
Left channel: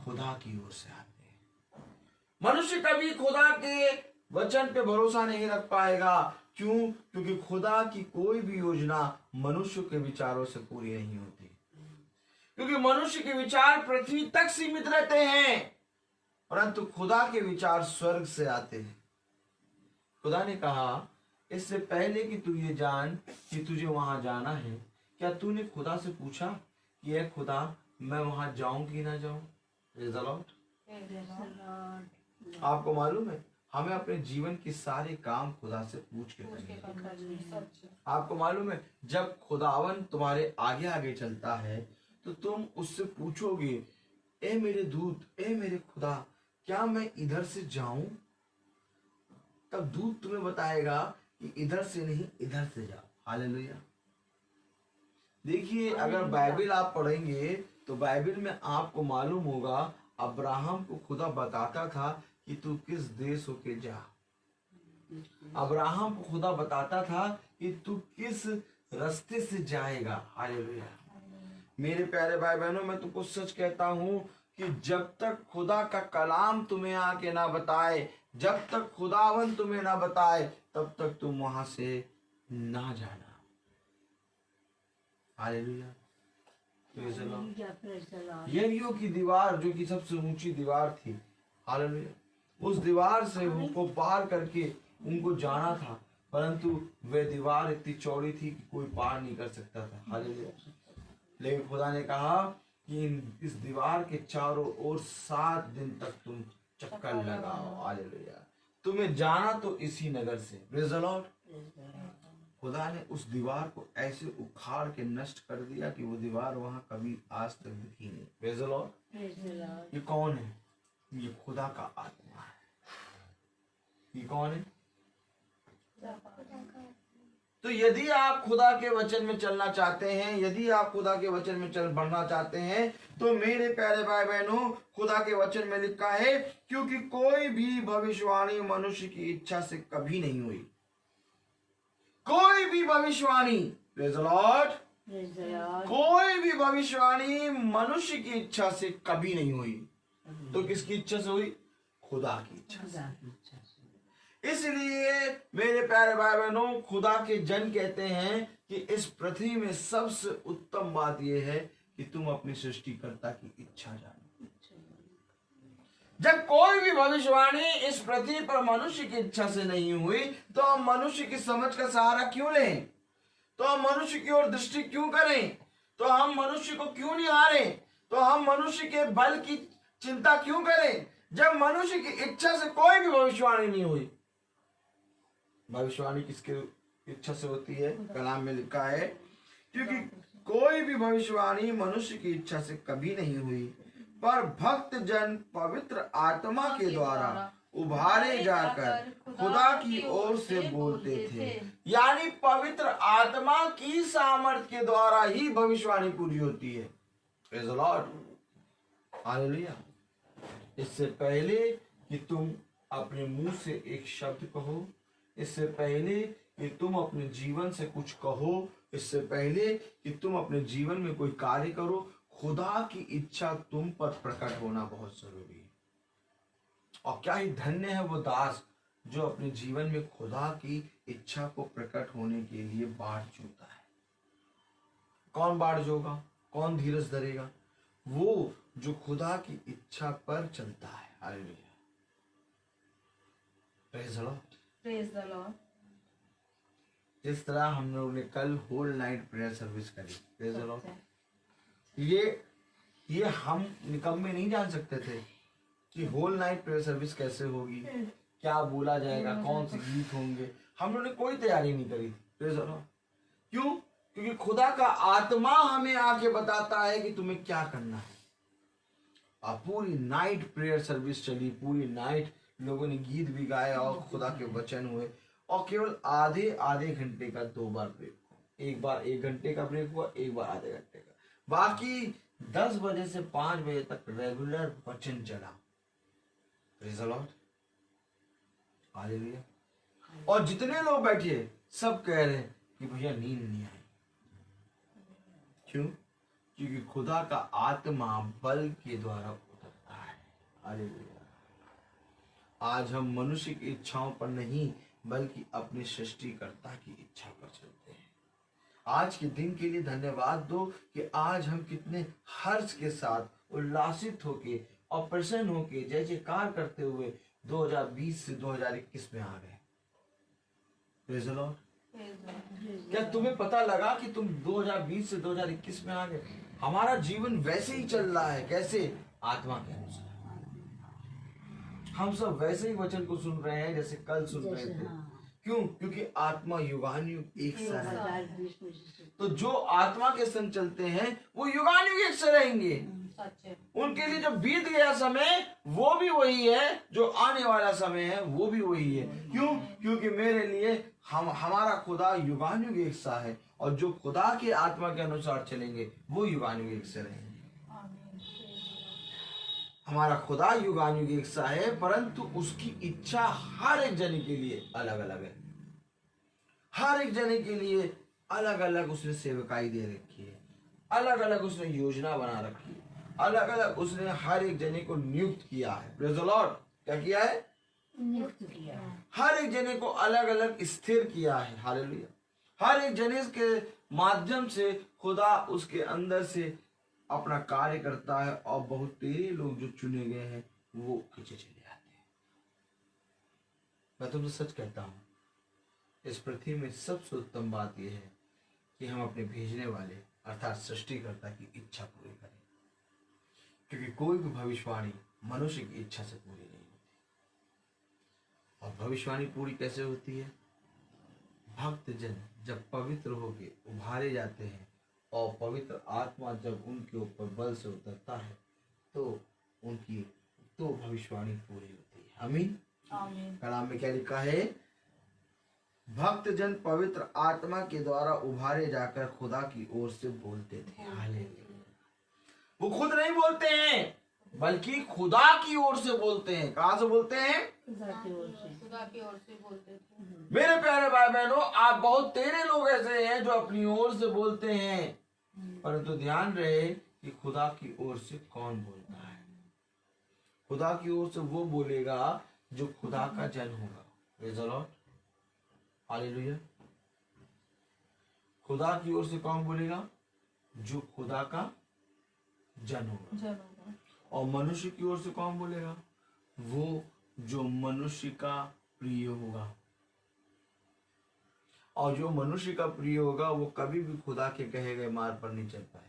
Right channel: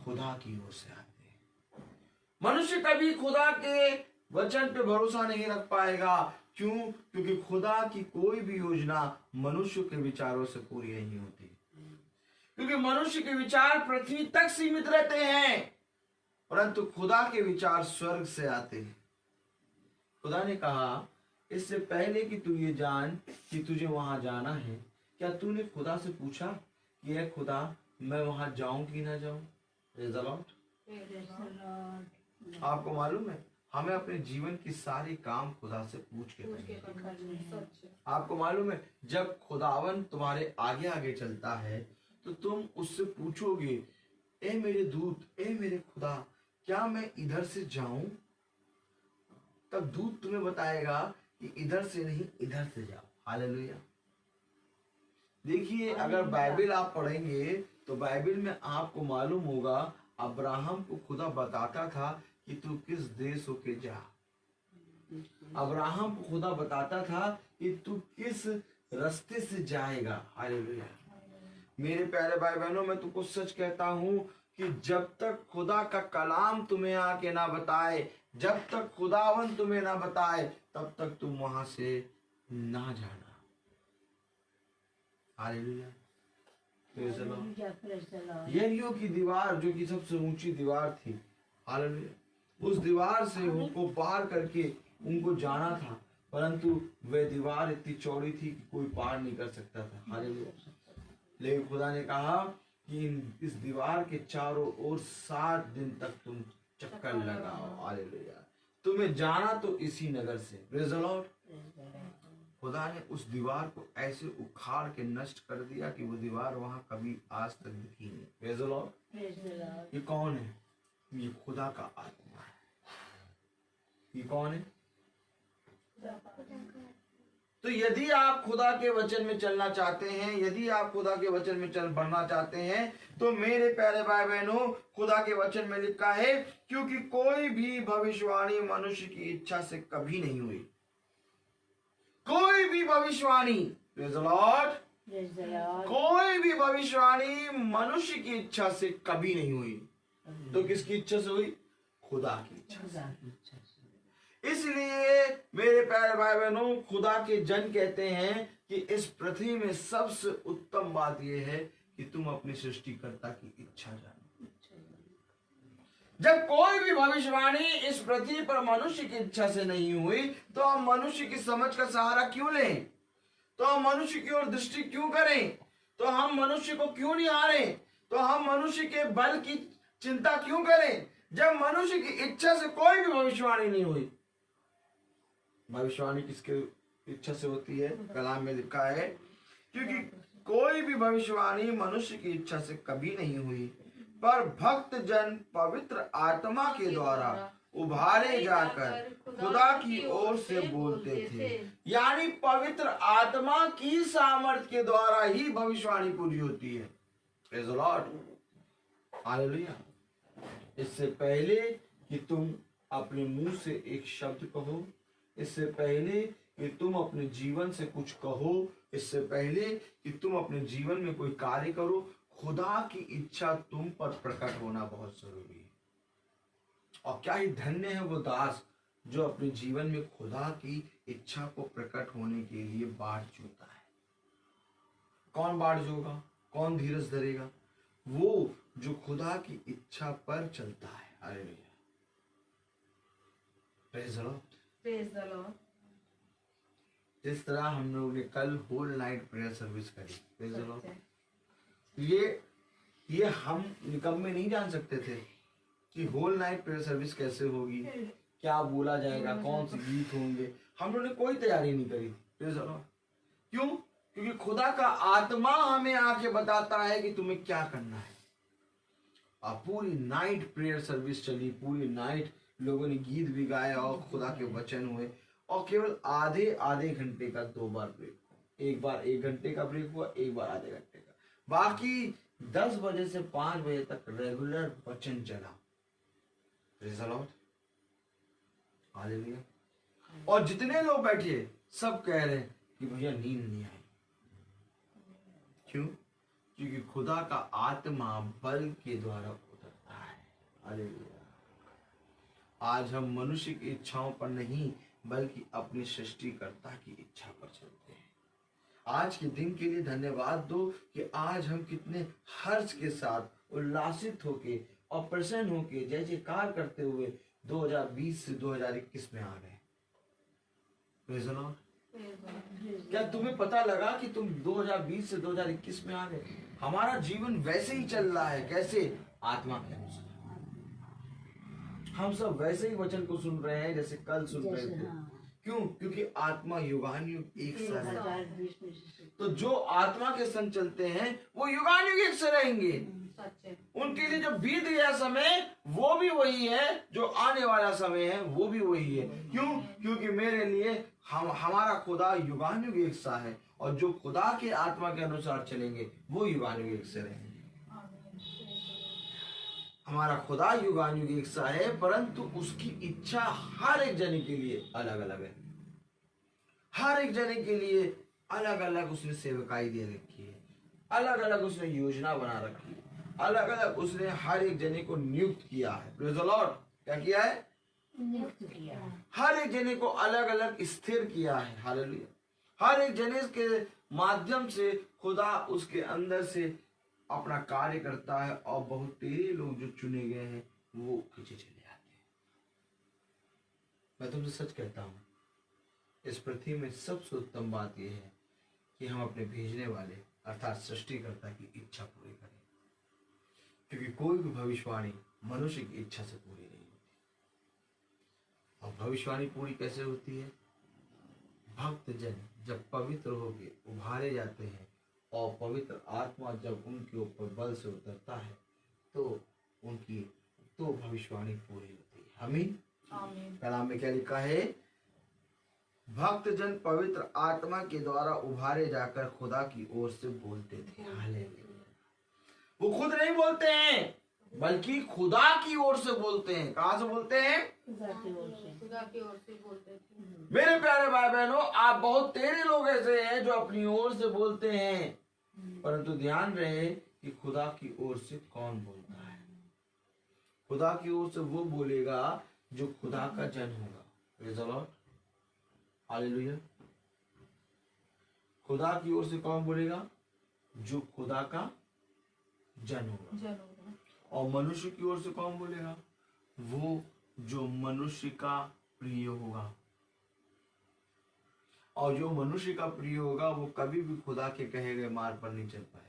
खुदा की ओर से आते हैं। मनुष्य कभी खुदा के वचन पे भरोसा नहीं रख पाएगा। क्यों? क्योंकि खुदा की कोई भी योजना मनुष्य के विचारों से पूरी नहीं होती, क्योंकि मनुष्य के विचार पृथ्वी तक सीमित रहते हैं, परंतु खुदा के विचार स्वर्ग से आते हैं। खुदा ने कहा इससे पहले कि तू ये जान कि तुझे वहां जाना है, क्या तूने खुदा से पूछा कि ये खुदा मैं वहां जाऊं कि ना जाऊं? आपको मालूम है हमें अपने जीवन के सारे काम खुदा से पूछ के करने। आपको मालूम है जब खुदावन तुम्हारे आगे आगे चलता है तो तुम उससे पूछोगे, ए मेरे दूत, ए मेरे खुदा, क्या मैं इधर से जाऊं? तब दूत तुम्हें बताएगा कि इधर से नहीं, इधर से जाओ। हालेलुया। देखिए, अगर बाइबल आप पढ़ेंगे तो बाइबल में आपको मालूम होगा अब्राहम को खुदा बताता था कि तू किस देश होके जा। अब्राहम को खुदा बताता था कि तू किस रास्ते से जाएगा। हालेलुया। मेरे प्यारे भाई बहनों, मैं तुमको सच कहता हूं कि जब तक खुदा का कलाम तुम्हें आके ना बताए, जब तक खुदावन तुम्हें ना बताए, तब तक तुम वहां से ना जाना। हालेलुया। यरीहो की दीवार जो कि सबसे ऊंची दीवार थी, हालेलुया, उस दीवार से उनको पार करके उनको जाना था, परंतु वह दीवार इतनी चौड़ी थी कि कोई पार नहीं कर सकता था। हालेलुया। लेकिन खुदा ने कहा कि इस दीवार के चारों ओर 7 दिन तक तुम चक्कर लगाओ। हालेलुया। तुम्हें जाना तो इसी नगर से। Praise the Lord. खुदा ने उस दीवार को ऐसे उखाड़ के नष्ट कर दिया कि वो दीवार वहां कभी आज तक दिखी नहीं। Praise the Lord. ये कौन है? ये खुदा का आत्मा है। ये कौन है? तो यदि आप खुदा के वचन में चलना चाहते हैं, यदि आप खुदा के वचन में चल बढ़ना चाहते हैं, तो मेरे प्यारे भाई बहनों, खुदा के वचन में लिखा है, क्योंकि कोई भी भविष्यवाणी मनुष्य की इच्छा से कभी नहीं हुई। कोई भी भविष्यवाणी, प्रेज़ द लॉर्ड, कोई भी भविष्यवाणी मनुष्य की इच्छा से कभी नहीं हुई। तो किसकी इच्छा से हुई? खुदा की इच्छा से। इसलिए मेरे प्यारे भाई बहनों, खुदा के जन कहते हैं कि इस पृथ्वी में सबसे उत्तम बात यह है कि तुम अपनी सृष्टिकर्ता की इच्छा जानो। जब कोई भी भविष्यवाणी इस पृथ्वी पर मनुष्य की इच्छा से नहीं हुई, तो हम मनुष्य की समझ का सहारा क्यों लें? तो हम मनुष्य की ओर दृष्टि क्यों करें? तो हम मनुष्य को क्यों निहारें? तो हम मनुष्य के बल की चिंता क्यों करें? जब मनुष्य की इच्छा से कोई भी भविष्यवाणी नहीं हुई। भविष्यवाणी किसके इच्छा से होती है? कलाम में लिखा है, क्योंकि कोई भी भविष्यवाणी मनुष्य की इच्छा से कभी नहीं हुई, पर भक्त जन पवित्र आत्मा के द्वारा उभारे जाकर खुदा की ओर से बोलते थे। यानी पवित्र आत्मा की सामर्थ के द्वारा ही भविष्यवाणी पूरी होती है। Praise the lord, hallelujah. इससे पहले कि तुम अपने मुंह से एक शब्द कहो, इससे पहले कि तुम अपने जीवन से कुछ कहो, इससे पहले कि तुम अपने जीवन में कोई कार्य करो, खुदा की इच्छा तुम पर प्रकट होना बहुत जरूरी है। और क्या ही धन्य है वो दास जो अपने जीवन में खुदा की इच्छा को प्रकट होने के लिए बाट जोता है। कौन बाट जोगा, कौन धीरज धरेगा? वो जो खुदा की इच्छा पर चलता है। Hallelujah, praise the Lord, praise the Lord. जिस तरह हम लोग ने कल होल नाइट प्रेयर सर्विस करी, प्रेज़ द लॉर्ड, ये हम निकम्मे नहीं जान सकते थे कि होल नाइट प्रेयर सर्विस कैसे होगी, क्या बोला जाएगा, कौन से गीत होंगे। हम लोगों ने कोई तैयारी नहीं करी। Praise the Lord. क्यों? क्योंकि खुदा का आत्मा हमें आके बताता है कि तुम्हें क्या करना है। और पूरी नाइट प्रेयर सर्विस चली, पूरी नाइट लोगों ने गीत भी गाया और खुदा के वचन हुए। और केवल आधे आधे घंटे का 2 बार ब्रेक, एक बार 1 घंटे का ब्रेक हुआ, एक बार आधे घंटे का। बाकी 10 बजे से 5 बजे तक रेगुलर वचन चला। Praise the lord, hallelujah. और जितने लोग बैठे सब कह रहे हैं कि भैया नींद नहीं आई। क्यों? क्योंकि खुदा का आत्मा बल के द्वारा उतरता है। हालेलुया। आज हम मनुष्य की इच्छाओं पर नहीं बल्कि अपने सृष्टिकर्ता की इच्छा पर चलते हैं। आज के दिन के लिए धन्यवाद दो कि आज हम कितने हर्ष के साथ उल्लासित होके और प्रसन्न होके जय जयकार करते हुए 2020 से 2021 में आ गए। Praise the Lord. क्या तुम्हें पता लगा कि तुम 2020 से 2021 में आ गए? हमारा जीवन वैसे ही चल रहा है। कैसे? आत्मा के अनुसार। हम सब वैसे ही वचन को सुन रहे हैं जैसे कल सुन रहे थे। क्यों? क्योंकि आत्मा युगानुयुग एक सा है। तो जो आत्मा के संग चलते हैं वो युगानुयुग एक से रहेंगे। उनके लिए जो बीत गया समय वो भी वही है, जो आने वाला समय है वो भी वही है। क्यों? क्योंकि मेरे लिए हमारा खुदा युगानुयुग एक सा है और जो खुदा के आत्मा के अनुसार चलेंगे वो युगानुयुग एक से रहेंगे। हमारा खुदा युगानुयुग एक सा है, परंतु उसकी इच्छा हर एक जने के लिए अलग अलग है। हर एक जने के लिए अलग अलग उसने सेवकाई दे रखी है, अलग अलग उसने योजना बना रखी है, अलग अलग उसने हर एक जने को नियुक्त किया है। Praise the Lord. क्या किया है? नियुक्त किया है। हर एक जने को अलग अलग स्थिर किया है। हालेलुया। हर एक जने के माध्यम से खुदा उसके अंदर से अपना कार्य करता है और बहुत तेरे लोग जो चुने गए हैं वो खींचे चले जाते हैं। मैं तुमसे सच कहता हूं, इस पृथ्वी में सबसे उत्तम बात यह है कि हम अपने भेजने वाले अर्थात सृष्टिकर्ता की इच्छा पूरी करें, क्योंकि कोई भी भविष्यवाणी मनुष्य की इच्छा से पूरी नहीं होती। और भविष्यवाणी पूरी कैसे होती है? भक्त जन जब पवित्र होके उभारे जाते हैं और पवित्र आत्मा जब उनके ऊपर बल से उतरता है तो उनकी भविष्यवाणी पूरी होती है। आमीन। कलाम में क्या लिखा है? भक्त जन पवित्र आत्मा के द्वारा उभारे जाकर खुदा की ओर से बोलते थे। हालेलुया। वो खुद नहीं बोलते हैं बल्कि खुदा की ओर से बोलते हैं। कहां से बोलते हैं? खुदा की ओर से बोलते थे। मेरे प्यारे भाई बहनों, आप बहुत तेरे लोग ऐसे हैं जो अपनी ओर से बोलते हैं, परंतु ध्यान रहे कि खुदा की ओर से कौन बोलता है। खुदा की ओर से वो बोलेगा जो खुदा का जन होगा। Praise the lord, hallelujah. खुदा की ओर से कौन बोलेगा? जो खुदा का जन होगा। और मनुष्य की ओर से कौन बोलेगा? वो जो मनुष्य का प्रिय होगा। और जो मनुष्य का प्रिय होगा वो कभी भी खुदा के कहे गए मार्ग पर नहीं चल पाएगा।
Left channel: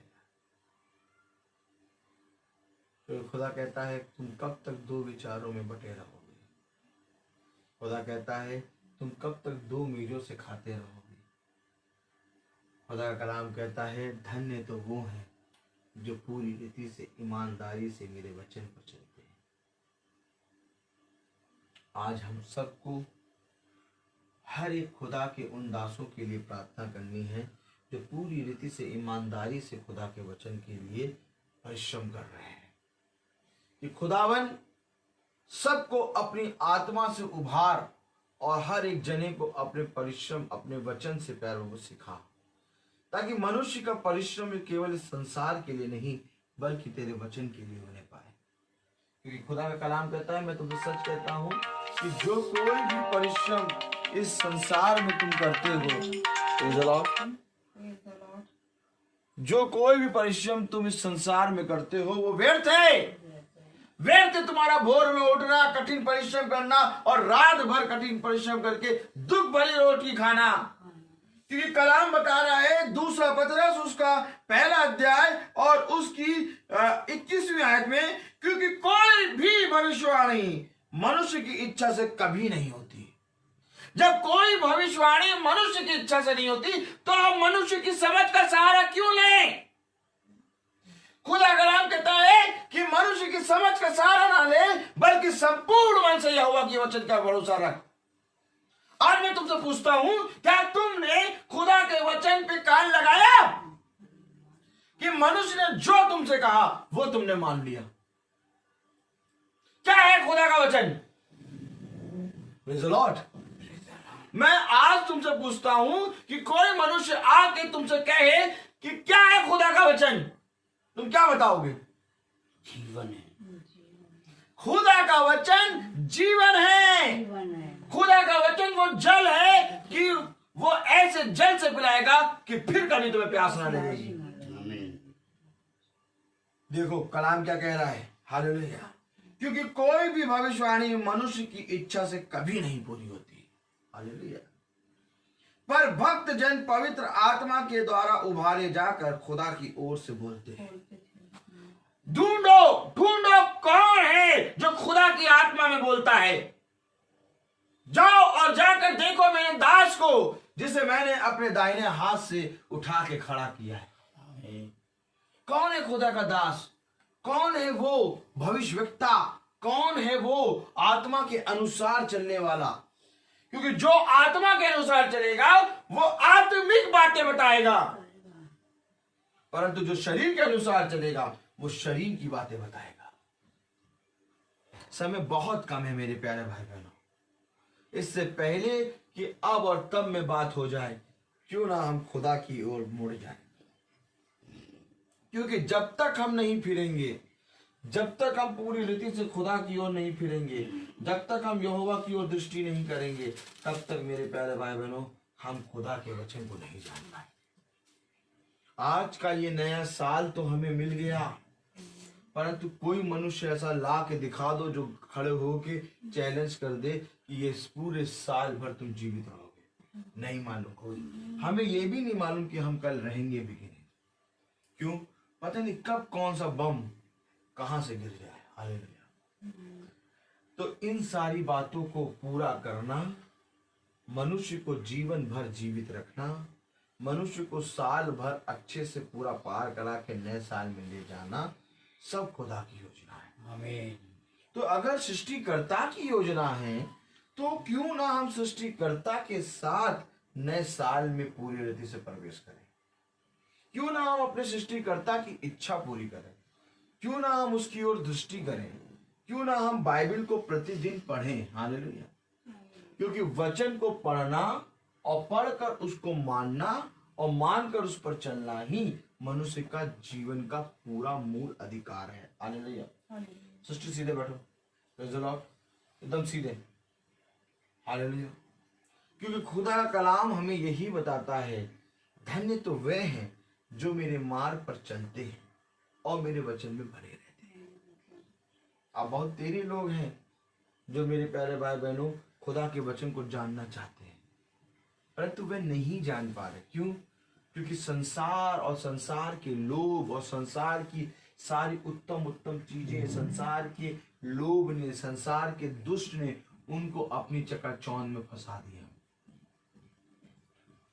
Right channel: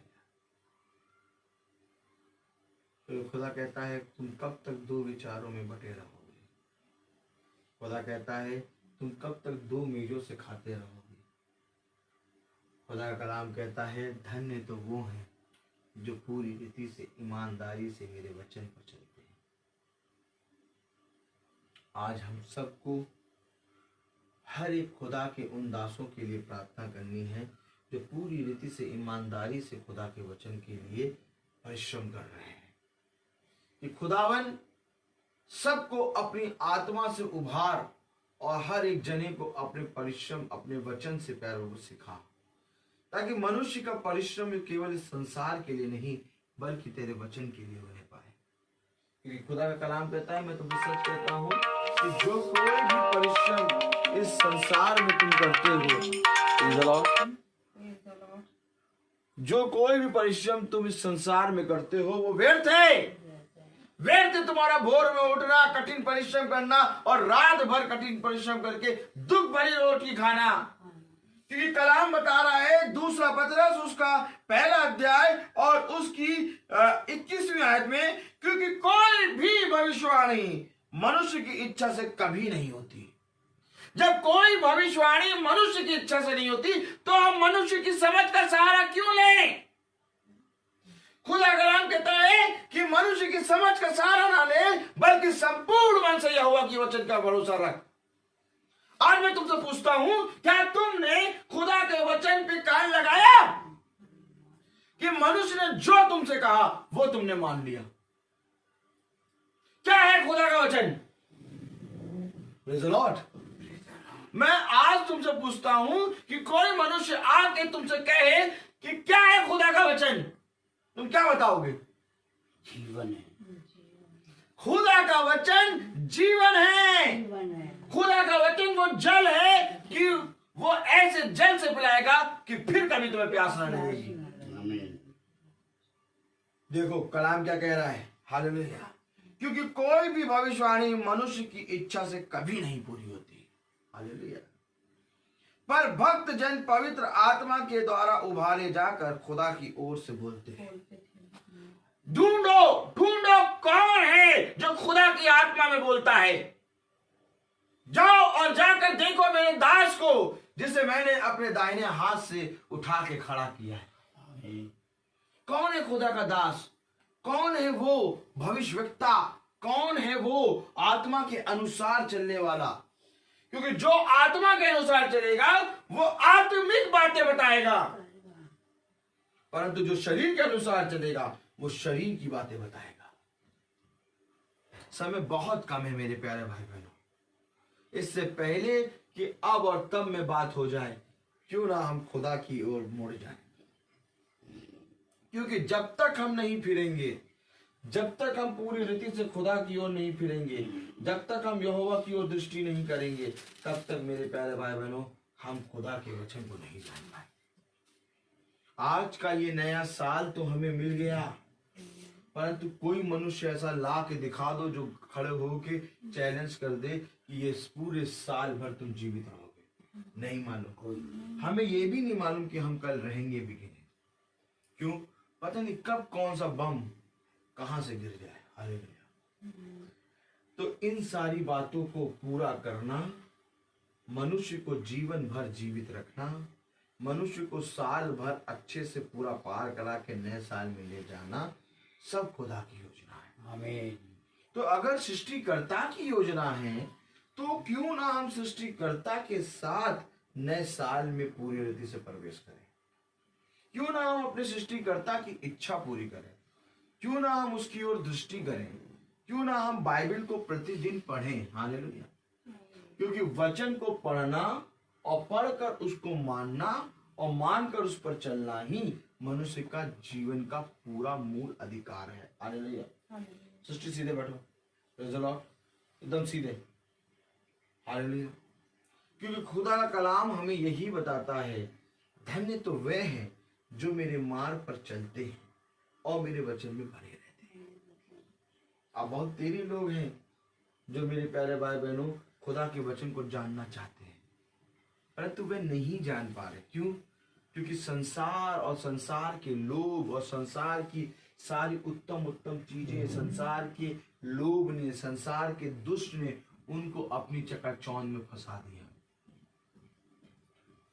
तो खुदा कहता है तुम कब तक 2 विचारों में बटे रहोगे। खुदा कहता है तुम कब तक 2 मेजों से खाते रहोगे। खुदा का कलाम कहता है धन्य तो वो हैं जो पूरी रीति से ईमानदारी से मेरे वचन पर चलते हैं। आज हम सबको हर एक खुदा के उन दासों के लिए प्रार्थना करनी है जो पूरी रीति से ईमानदारी से खुदा के वचन के लिए परिश्रम कर रहे हैं, कि खुदावन सबको अपनी आत्मा से उभार और हर एक जने को अपने परिश्रम अपने वचन से पैरों को सिखा, ताकि मनुष्य का परिश्रम केवल इस संसार के लिए नहीं बल्कि तेरे वचन के लिए होने पाए। क्योंकि खुदा का कलाम कहता है, मैं तुमसे सच कहता हूं कि जो कोई भी परिश्रम इस संसार में तुम करते हो, जो कोई भी परिश्रम तुम इस संसार में करते हो वो व्यर्थ है। व्यर्थ तुम्हारा भोर में उठना, कठिन परिश्रम करना और रात भर कठिन परिश्रम करके दुख भरी रोटी खाना। क्योंकि कलाम बता रहा है, दूसरा पतरस उसका पहला अध्याय और उसकी 21वीं आयत में, क्योंकि कोई भी भविष्यवाणी मनुष्य की इच्छा से कभी नहीं होती। जब कोई भविष्यवाणी मनुष्य की इच्छा से नहीं होती तो हम मनुष्य की समझ का सहारा क्यों लें? खुदा कलाम कहता है कि मनुष्य की समझ का सहारा ना ले, बल्कि संपूर्ण मन से यहोवा के वचन का भरोसा रख। आज मैं तुमसे पूछता हूं, क्या तुमने खुदा के वचन पे कान लगाया कि मनुष्य ने जो तुमसे कहा वो तुमने मान लिया? क्या है खुदा का वचन? Praise the Lord. मैं आज तुमसे पूछता हूं कि कोई मनुष्य आके तुमसे कहे कि क्या है खुदा का वचन, तुम क्या बताओगे? जीवन है। खुदा का वचन जीवन है। खुदा का वचन वो जल है कि वो ऐसे जल से पिलाएगा कि फिर कभी तुम्हें प्यास ना लगेगी। देखो कलाम क्या कह रहा है, हालेलुया। क्योंकि कोई भी भविष्यवाणी मनुष्य की इच्छा से कभी नहीं पूरी होती, हालेलुया। पर भक्त जन पवित्र आत्मा के द्वारा उभारे जाकर खुदा की ओर से बोलते हैं। ढूंढो ढूंढो कौन है जो खुदा की आत्मा में बोलता है। जाओ और जाकर देखो मेरे दास को, जिसे मैंने अपने दाहिने हाथ से उठा के खड़ा किया है। कौन है खुदा का दास? कौन है वो भविष्यवक्ता? कौन है वो आत्मा के अनुसार चलने वाला? क्योंकि जो आत्मा के अनुसार चलेगा वो आत्मिक बातें बताएगा, परंतु जो शरीर के अनुसार चलेगा वो शरीर की बातें बताएगा। समय बहुत कम है मेरे प्यारे भाई बहनों। इससे पहले कि अब और तब में बात हो जाए, क्यों ना हम खुदा की ओर मुड़ जाएं। क्योंकि जब तक हम नहीं फिरेंगे, जब तक हम पूरी रीति से खुदा की ओर नहीं फिरेंगे, जब तक हम यहोवा की ओर दृष्टि नहीं करेंगे, तब तक मेरे प्यारे भाई बहनों हम खुदा के वचन को नहीं जान पाए। आज का ये नया साल तो हमें मिल गया, परंतु कोई मनुष्य ऐसा ला के दिखा दो जो खड़े होके चैलेंज कर दे कि ये पूरे साल भर तुम जीवित रहोगे। नहीं मालूम कोई। हमें ये भी नहीं मालूम कि हम कल रहेंगे भी कि नहीं। क्यों? पता नहीं कब कौन सा बम कहां से गिर जाए। हालेलुया। तो इन सारी बातों को पूरा करना, मनुष्य को जीवन भर जीवित रखना, मनुष्य को साल भर अच्छे से पूरा पार करा के नए साल में ले जाना, सब खुदा की योजना है। आमीन। तो अगर सृष्टिकर्ता की योजना है तो क्यों ना हम सृष्टिकर्ता के साथ नए साल में पूरी रीति से प्रवेश करें? क्यों ना हम अपने सृष्टिकर्ता की इच्छा पूरी करें? क्यों ना हम उसकी ओर दृष्टि करें? क्यों ना हम बाइबल को प्रतिदिन पढ़ें? हालेलुया। क्योंकि वचन को पढ़ना और पढ़कर उसको मानना और मानकर उस पर चलना ही मनुष्य का जीवन का पूरा मूल अधिकार है। हालेलुया। सृष्टि सीधे बैठो, प्रेज़ द लॉर्ड, एकदम सीधे। हालेलुया। क्योंकि खुदा का कलाम हमें यही बताता है, धन्य तो वे हैं जो मेरे मार्ग पर चलते हैं और मेरे वचन में भरे रहते हैं। अब बहुत तेरी लोग हैं जो मेरे प्यारे भाई बहनों खुदा के वचन को जानना चाहते हैं, परंतु वे नहीं जान पा रहे। क्यों? क्योंकि संसार और संसार के लोभ और संसार की सारी उत्तम उत्तम चीजें, संसार के लोभ ने, संसार के दुष्ट ने उनको अपनी चकाचौंध में फंसा दिया।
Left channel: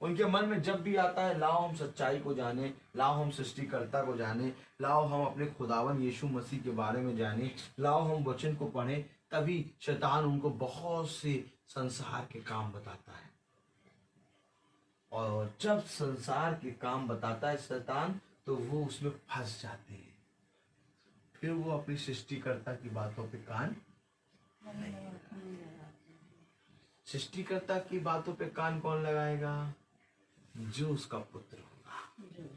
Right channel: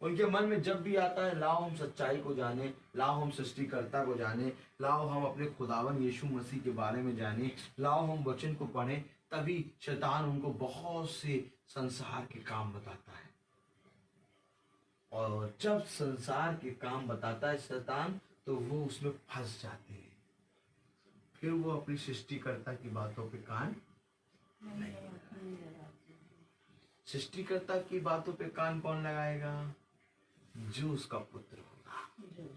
उनके मन में जब भी आता है लाओ हम सच्चाई को जाने, लाओ हम सृष्टिकर्ता को जाने, लाओ हम अपने खुदावन यीशु मसीह के बारे में जाने, लाओ हम वचन को पढ़ें, तभी शैतान उनको बहुत से संसार के काम बताता है। और जब संसार के काम बताता है शैतान, तो वो उसमें फंस जाते हैं। फिर वो अपनी सृष्टिकर्ता की बातों पे कान नहीं लगाएगा। सृष्टिकर्ता की बातों पे कान कौन लगाएगा? जो उसका पुत्र होगा।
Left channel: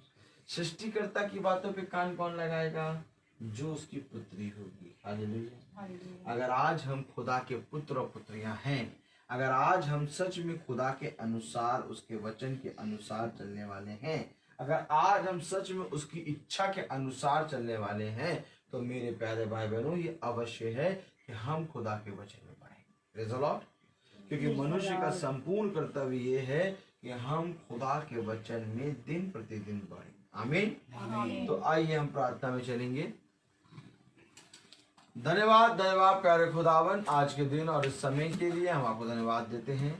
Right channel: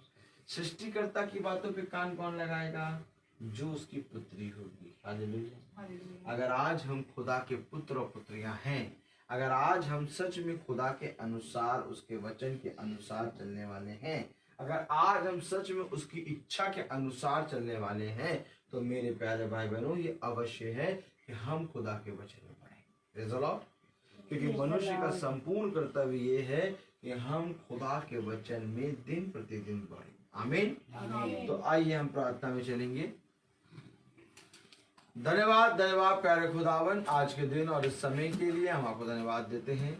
सृष्टिकर्ता की बातों पे कान कौन लगाएगा? जो उसकी पुत्री होगी। हालेलुया। अगर आज हम खुदा के पुत्र और पुत्रियां हैं, अगर आज हम सच में खुदा के अनुसार, उसके वचन के अनुसार चलने वाले हैं, अगर आज हम सच में उसकी इच्छा के अनुसार चलने वाले हैं, तो मेरे प्यारे भाई बहनों, ये अवश्य है कि हम खुदा के वचन में पढ़ें। Praise the Lord. क्योंकि मनुष्य का संपूर्ण कर्तव्य ये है कि हम खुदा के वचन में दिन प्रतिदिन बढ़ें। आमीन। तो आइए हम प्रार्थना में चलेंगे। धन्यवाद प्यारे खुदावन, आज के दिन और इस समय के लिए हम आपको धन्यवाद देते हैं।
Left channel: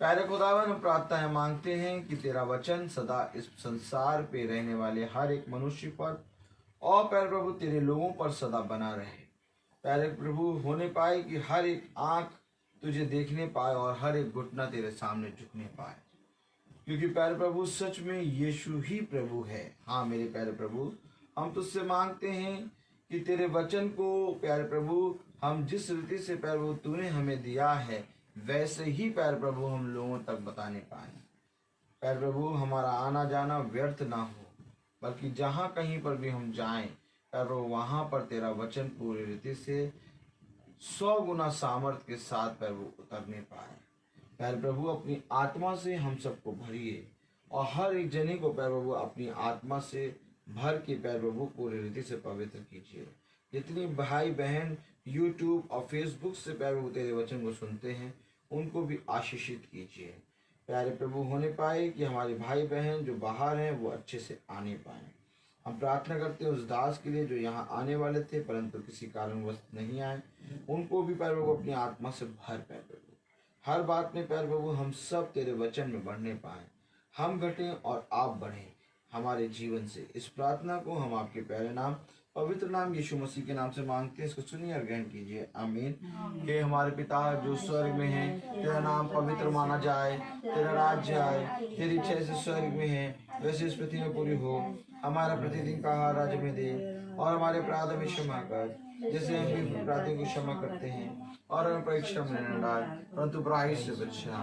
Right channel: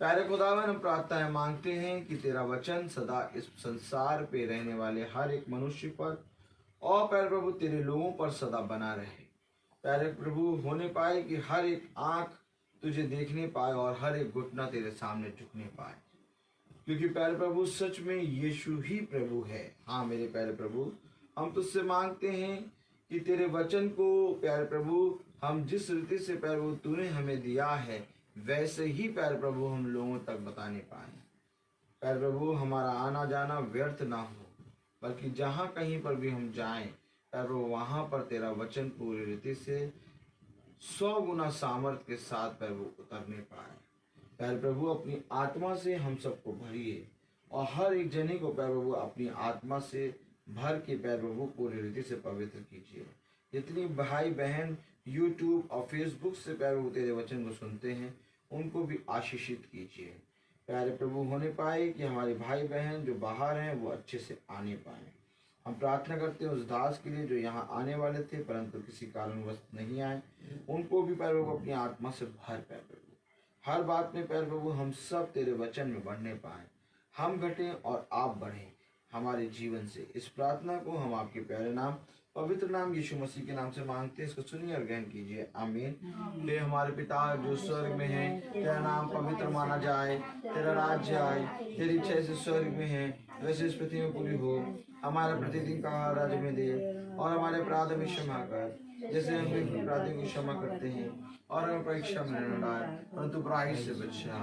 प्यारे खुदावन, हम प्रार्थना मांगते हैं कि तेरा वचन सदा इस संसार पे रहने वाले हर एक मनुष्य पर और प्यारे प्रभु तेरे लोगों पर सदा बना रहे। प्यारे प्रभु होने पाए कि हर एक आंख तुझे देखने पाए और हर एक घुटना तेरे सामने झुकने पाए, क्योंकि प्यारे प्रभु सच में यीशु ही प्रभु है। हाँ मेरे प्यारे प्रभु, हम तुझसे मांगते हैं कि तेरे वचन को प्यारे प्रभु हम जिस रीति से प्यारे प्रभु तूने हमें दिया है, वैसे ही प्यारे प्रभु हम लोगों तक बताने पाए। प्यारे प्रभु हमारा आना जाना व्यर्थ ना हो, बल्कि जहाँ कहीं पर भी हम जाएं प्यारे प्रभु, वहाँ पर तेरा वचन पूरी रीति से 100 गुना सामर्थ के साथ प्यारे प्रभु उतरने पाए। प्यारे प्रभु अपनी आत्मा से हम सबको भरिए और हर एक जने को प्यारे प्रभु अपनी आत्मा से भर के प्यारे प्रभु पूरी रीति से पवित्र कीजिए। जितनी भाई बहन यूट्यूब और फेसबुक से प्यारे प्रभु तेरे वचन को सुनते हैं, उनको भी आशीषित कीजिए। प्यारे प्रभु होने पाए कि हमारे भाई बहन जो बाहर हैं वो अच्छे से आने पाए। हम प्रार्थना करते हैं उस दास के लिए जो यहाँ आने वाले थे परंतु किसी कारणवश नहीं आए, उनको भी प्यारे प्रभु अपनी आत्मा से भर। प्यारे प्रभु हर बात में प्यारे प्रभु हम सब तेरे वचन में बढ़ने पाए, हम घटें और आप बढ़ें हमारे जीवन से। इस प्रार्थना को हम आपके प्यारे नाम पवित्र नाम यीशु मसीह के नाम से मांगते हैं, इसको सुनिए और ग्रहण कीजिए। आमीन। हे हमारे पिता जो स्वर्ग में है, तेरा नाम पवित्र माना जाए, तेरा राज्य आए, तेरी इच्छा जैसे स्वर्ग में है वैसे इस पृथ्वी में पूरी हो। हमारा प्रतिदिन का आहार आज हमें दे और हमारे अपराधों में क्षमा कर, जैसे हम भी अपराधियों को क्षमा करते हैं, और हमें परीक्षा में न डाल परंतु बुराई से बचा।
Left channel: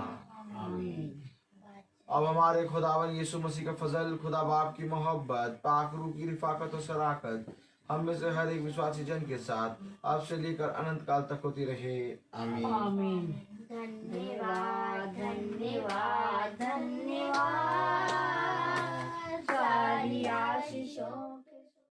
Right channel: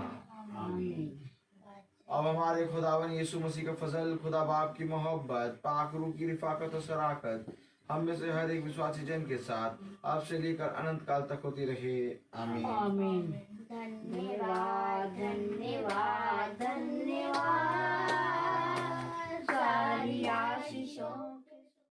अब हमारे खुदावन यीशु मसीह का फजल, खुदा बाप की मोहब्बत, पाक रूह की रिफाकत और शराकत हम में से हर एक विश्वासी जन के साथ आपसे लेकर अनंत काल तक होती रहे। आमीन। आमीन। धन्यवाद धन्यवाद धन्यवाद सारी आशीषों